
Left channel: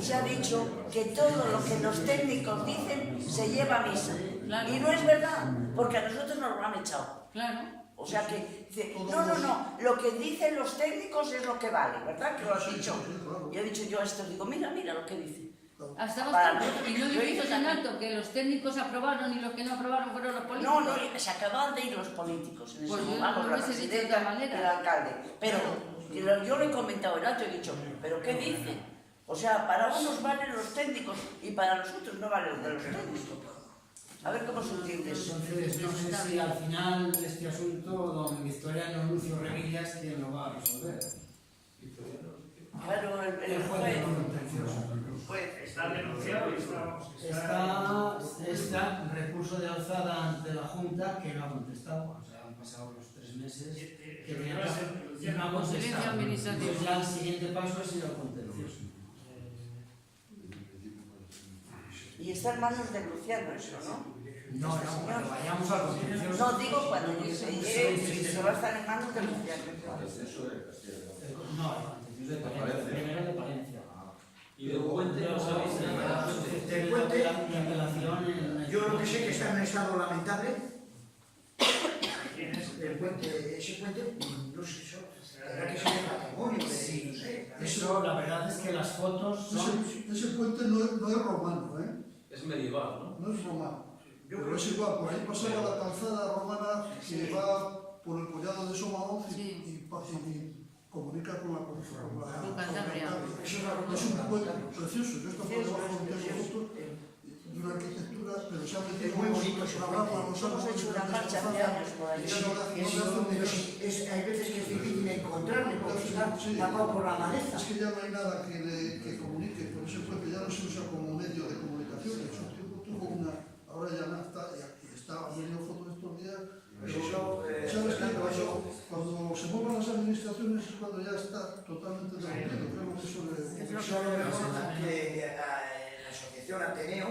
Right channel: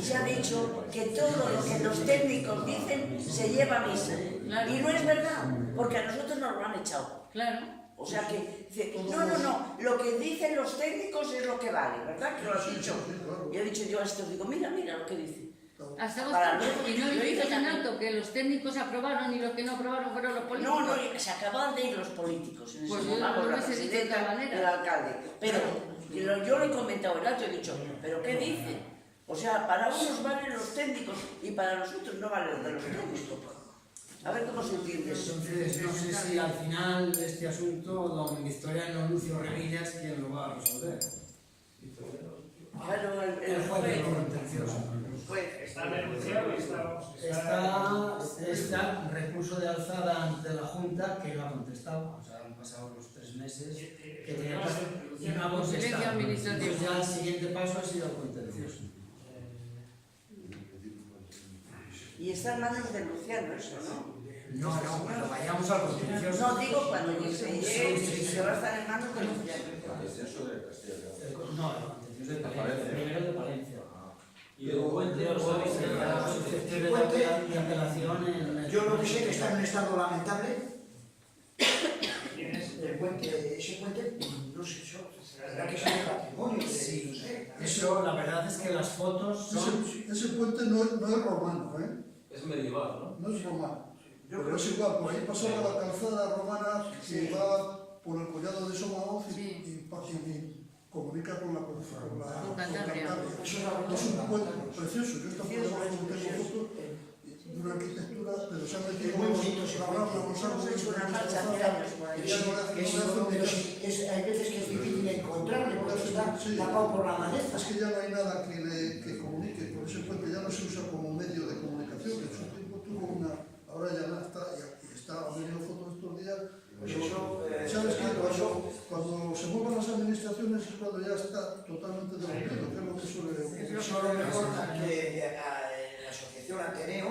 se ha dicho que todo lo que los técnicos dicen se lleva a misa. Claro. Y no es verdad, porque a nosotros nos lo han echado. Claro. O sea que, dice, no, lo que dicen los técnicos es lo que vale, ¿verdad? Que lo has dicho. Y he dicho yo a estos, digo, mira lo que dice. Hasta bastante. Y no dices en alto que los técnicos aprobaron y los que no aprobaron fueron los políticos. No, se acaban de ir los políticos. Pues yo lo hubiese dicho de otra manera. El alcalde. Pero yo lo he comentado en alto y he dicho, ¿pero qué dice? O sea, para unos valen los técnicos y para nosotros no vale lo de los técnicos. A ver cómo se entiende eso. Entonces, no sé si al final de este asunto don Victoriano Lucio Revillas quien lo va a resolver. Bueno, El juez de lo contencioso. Está denunciado y estamos... Está recurso de alzada ante la Junta que no ha contestado. O sea, han pasado los 3 meses que tenía que hacer y no ha contestado. Silencio administrativo. Entonces ya el siguiente paso ha sido el contencioso. Y está en manos de Luciano eso, ¿no? No, cuando vayamos al contencioso. No, digo cuando se va a estar en manos de Luciano. Contencioso de Castilla y León. No, el contencioso de Palencia. Palencia. Primero el de Palencia. Y luego Puente no sabéis Mi apelación en... Yo lo que sé que está en un estado lamentable. ¿Quién es? El puente, ese puente, no sé, será que es un patrimonio. Sí, no sé. eso la verdad es que las fotos son... Ese puente no es romano, Es medieval, ¿no? no es romano. Pero es igual, por ahí pasaba la calzada romana que va por el collado de Somaoz y comunica con la Con Cantabria. Es un puente precioso. Yo esto por debajo no tengo fotos de una arquitectura, pero se ha metido Es muy bonito ese una puente. rama, los Hemos hecho una marcha hace años por ahí. y ya no le hacen Hay veces que es difícil encontrarle porque está tapado por la maleza. Es que ya no hay nada que comunique por ese puente, ya no se usa como medio de comunicación. En su tiempo tuvo una, ahora ya no está, y está, han venido fotos estos días. Pues eso, ¿Sabes qué? Cuando se mueven las administraciones es cuando ya está totalmente derrotado, que es lo que suele ocurrir. Eso a lo mejor que la asociación Ateneo,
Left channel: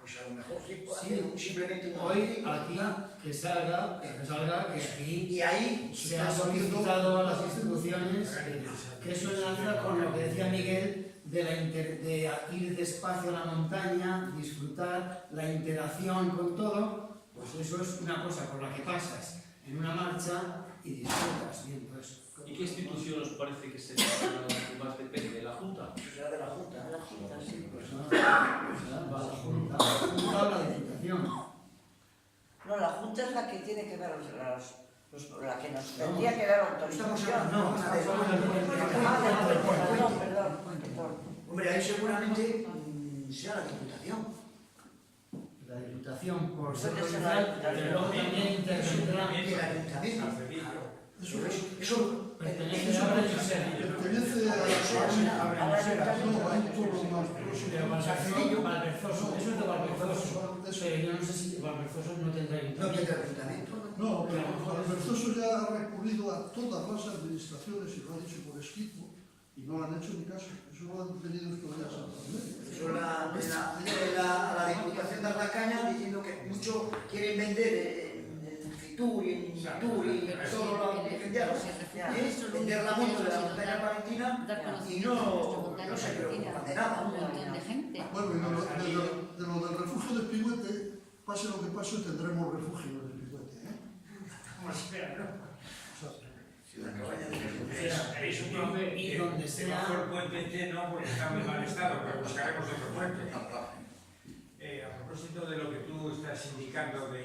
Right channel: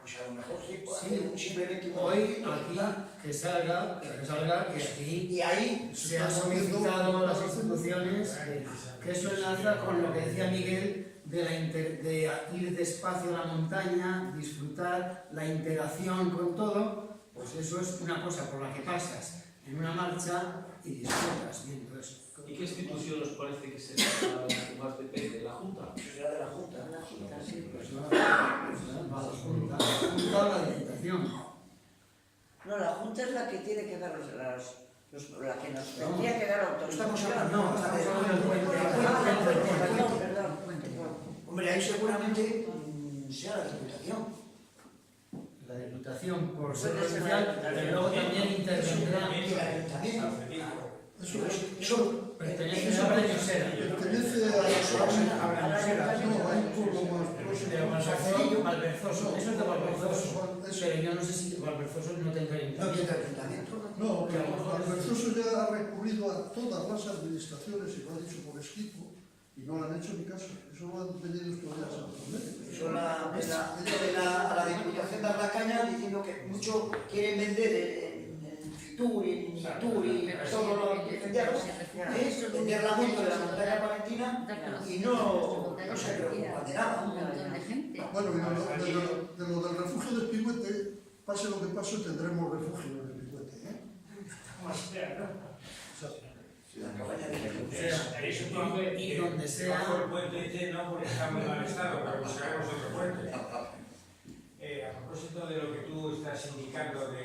pues a lo mejor sí, simplemente Hoy aquí que salga que aquí y ahí se ha solicitado a las instituciones que eso enlaza con lo que decía Miguel de ir despacio a la montaña, disfrutar la interacción con todo. Pues eso es una cosa por la que pasas en una marcha y disfrutas viendo eso. ¿Y qué institución os parece que será la que más depende? ¿La Junta? será de la Junta. Sí. Pues no, va a la Junta o la Diputación. No, la Junta es la que tiene que dar la que nos tendría que dar autorización. Estamos hablando del puente. Hombre, ahí seguramente sea la Diputación. La Diputación por ser provincial, pero luego también intervendrá El Ayuntamiento. Eso pertenece a Breñosera. Pertenece a no, hay un pueblo más Pero Valverzoso, eso es de Valverzoso, pero yo no sé si Valverzoso no tendrá no tiene ayuntamiento. Ayuntamiento. No, pero el Verzoso ya ha recurrido a todas las administraciones y lo ha dicho por escrito y no le han hecho ni caso. Eso lo han tenido estos días en Eso a la Diputación de la Caña diciendo que muchos quieren vender en Fitur y en Itur y en todo lo que vender la moto de la montaña palentina y no se preocupan de nada. Un montón de gente. Bueno, y de lo del refugio de Pigüete, pase lo que pase, tendremos refugio en el Pigüete. Como espera, ¿no? La cabaña de Tenéis un nombre Y donde sea. El puente no, porque está muy mal estado, pero buscaremos otro puente. A propósito de lo que tú estás indicando de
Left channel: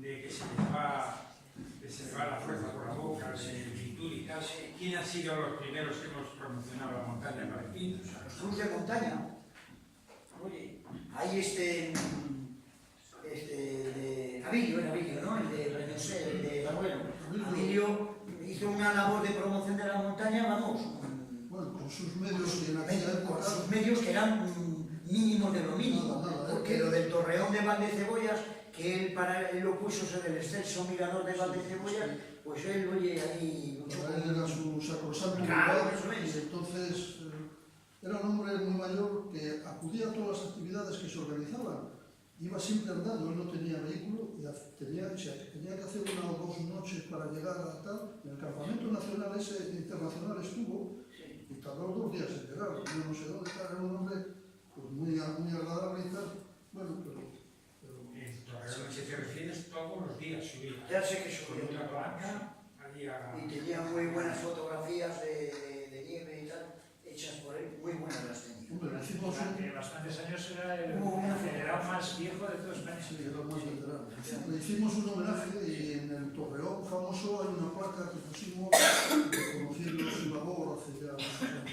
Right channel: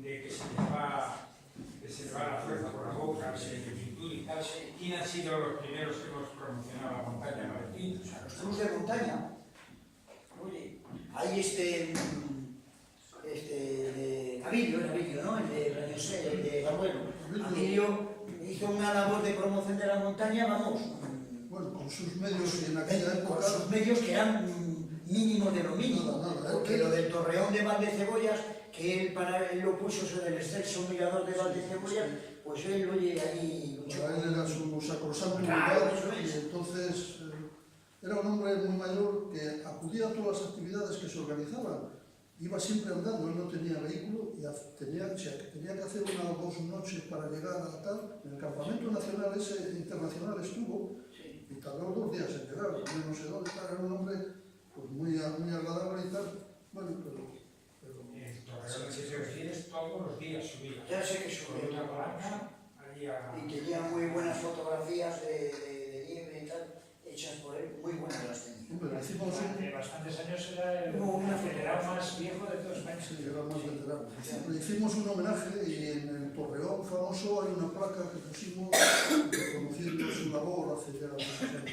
que se les va la fuerza por la boca, de actitud y tal, ¿quién han sido los primeros que hemos promocionado la montaña palentina? Los clubes de montaña. Oye, hay de Avilio, ¿no? El de Breñosera, el de Barruelo. Avilio hizo una labor de promoción de la montaña, vamos. Bueno, con sus medios y en aquella época. Con sus medios que eran mínimos de lo mínimo. Nada, porque lo del Torreón de Valdecebollas, que él lo puso sobre el excelso mirador de Valdecebollas, Pues él, oye, ahí luchó. Para él era su sacrosanto Claro, lugar, eso es. y entonces era un hombre muy mayor que acudía a todas las actividades que se organizaban. Iba siempre andando, él no tenía vehículo y tenía que hacer 1 o 2 noches para llegar a tal. En el campamento nacional ese internacional estuvo y tardó 2 días en llegar, yo no sé dónde está. Era un hombre pues, muy agradable y tal. Bueno, pero Torreón, si te refieres, todos los días subía. Ya sé que Con subió. una palanca, había... Y tenía muy buenas fotografías de nieve y tal, hechas por él, muy buenas las tenía. hombre, le hicimos Durante bastantes años era el general más viejo de todo España. Sí, era más veterano. Le hicimos un homenaje y en el Torreón famoso hay una placa que pusimos reconociendo su labor hace ya muchos años.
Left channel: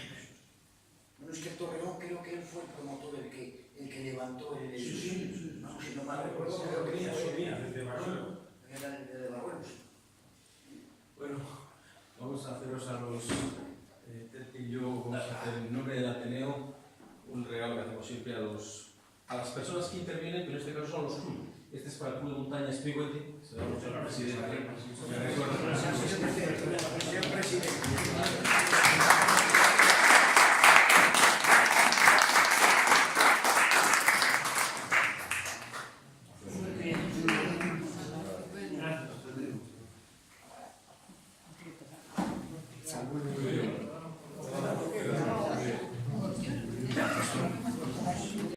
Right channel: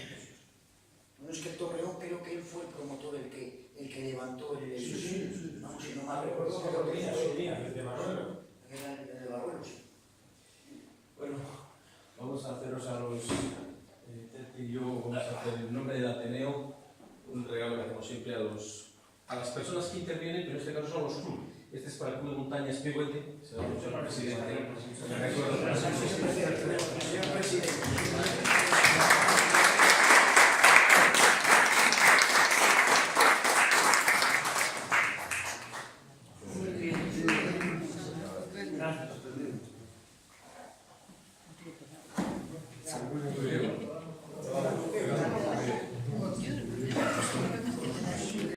Bueno, es que el Torreón creo que él fue el promotor, el que levantó el... Sí. Vamos, si no mal recuerdo, Pues, creo que subía fue desde Barruelo. el de Barruelo, sí. Bueno, vamos a haceros a los Tete y yo, vamos a hacer en nombre del Ateneo un regalo que hacemos siempre a las personas que intervienen, pero en este caso son los clubes. Este es para el Club de Montaña Espigüete, se lo damos al presidente. Me recuerdo. Señor presidente.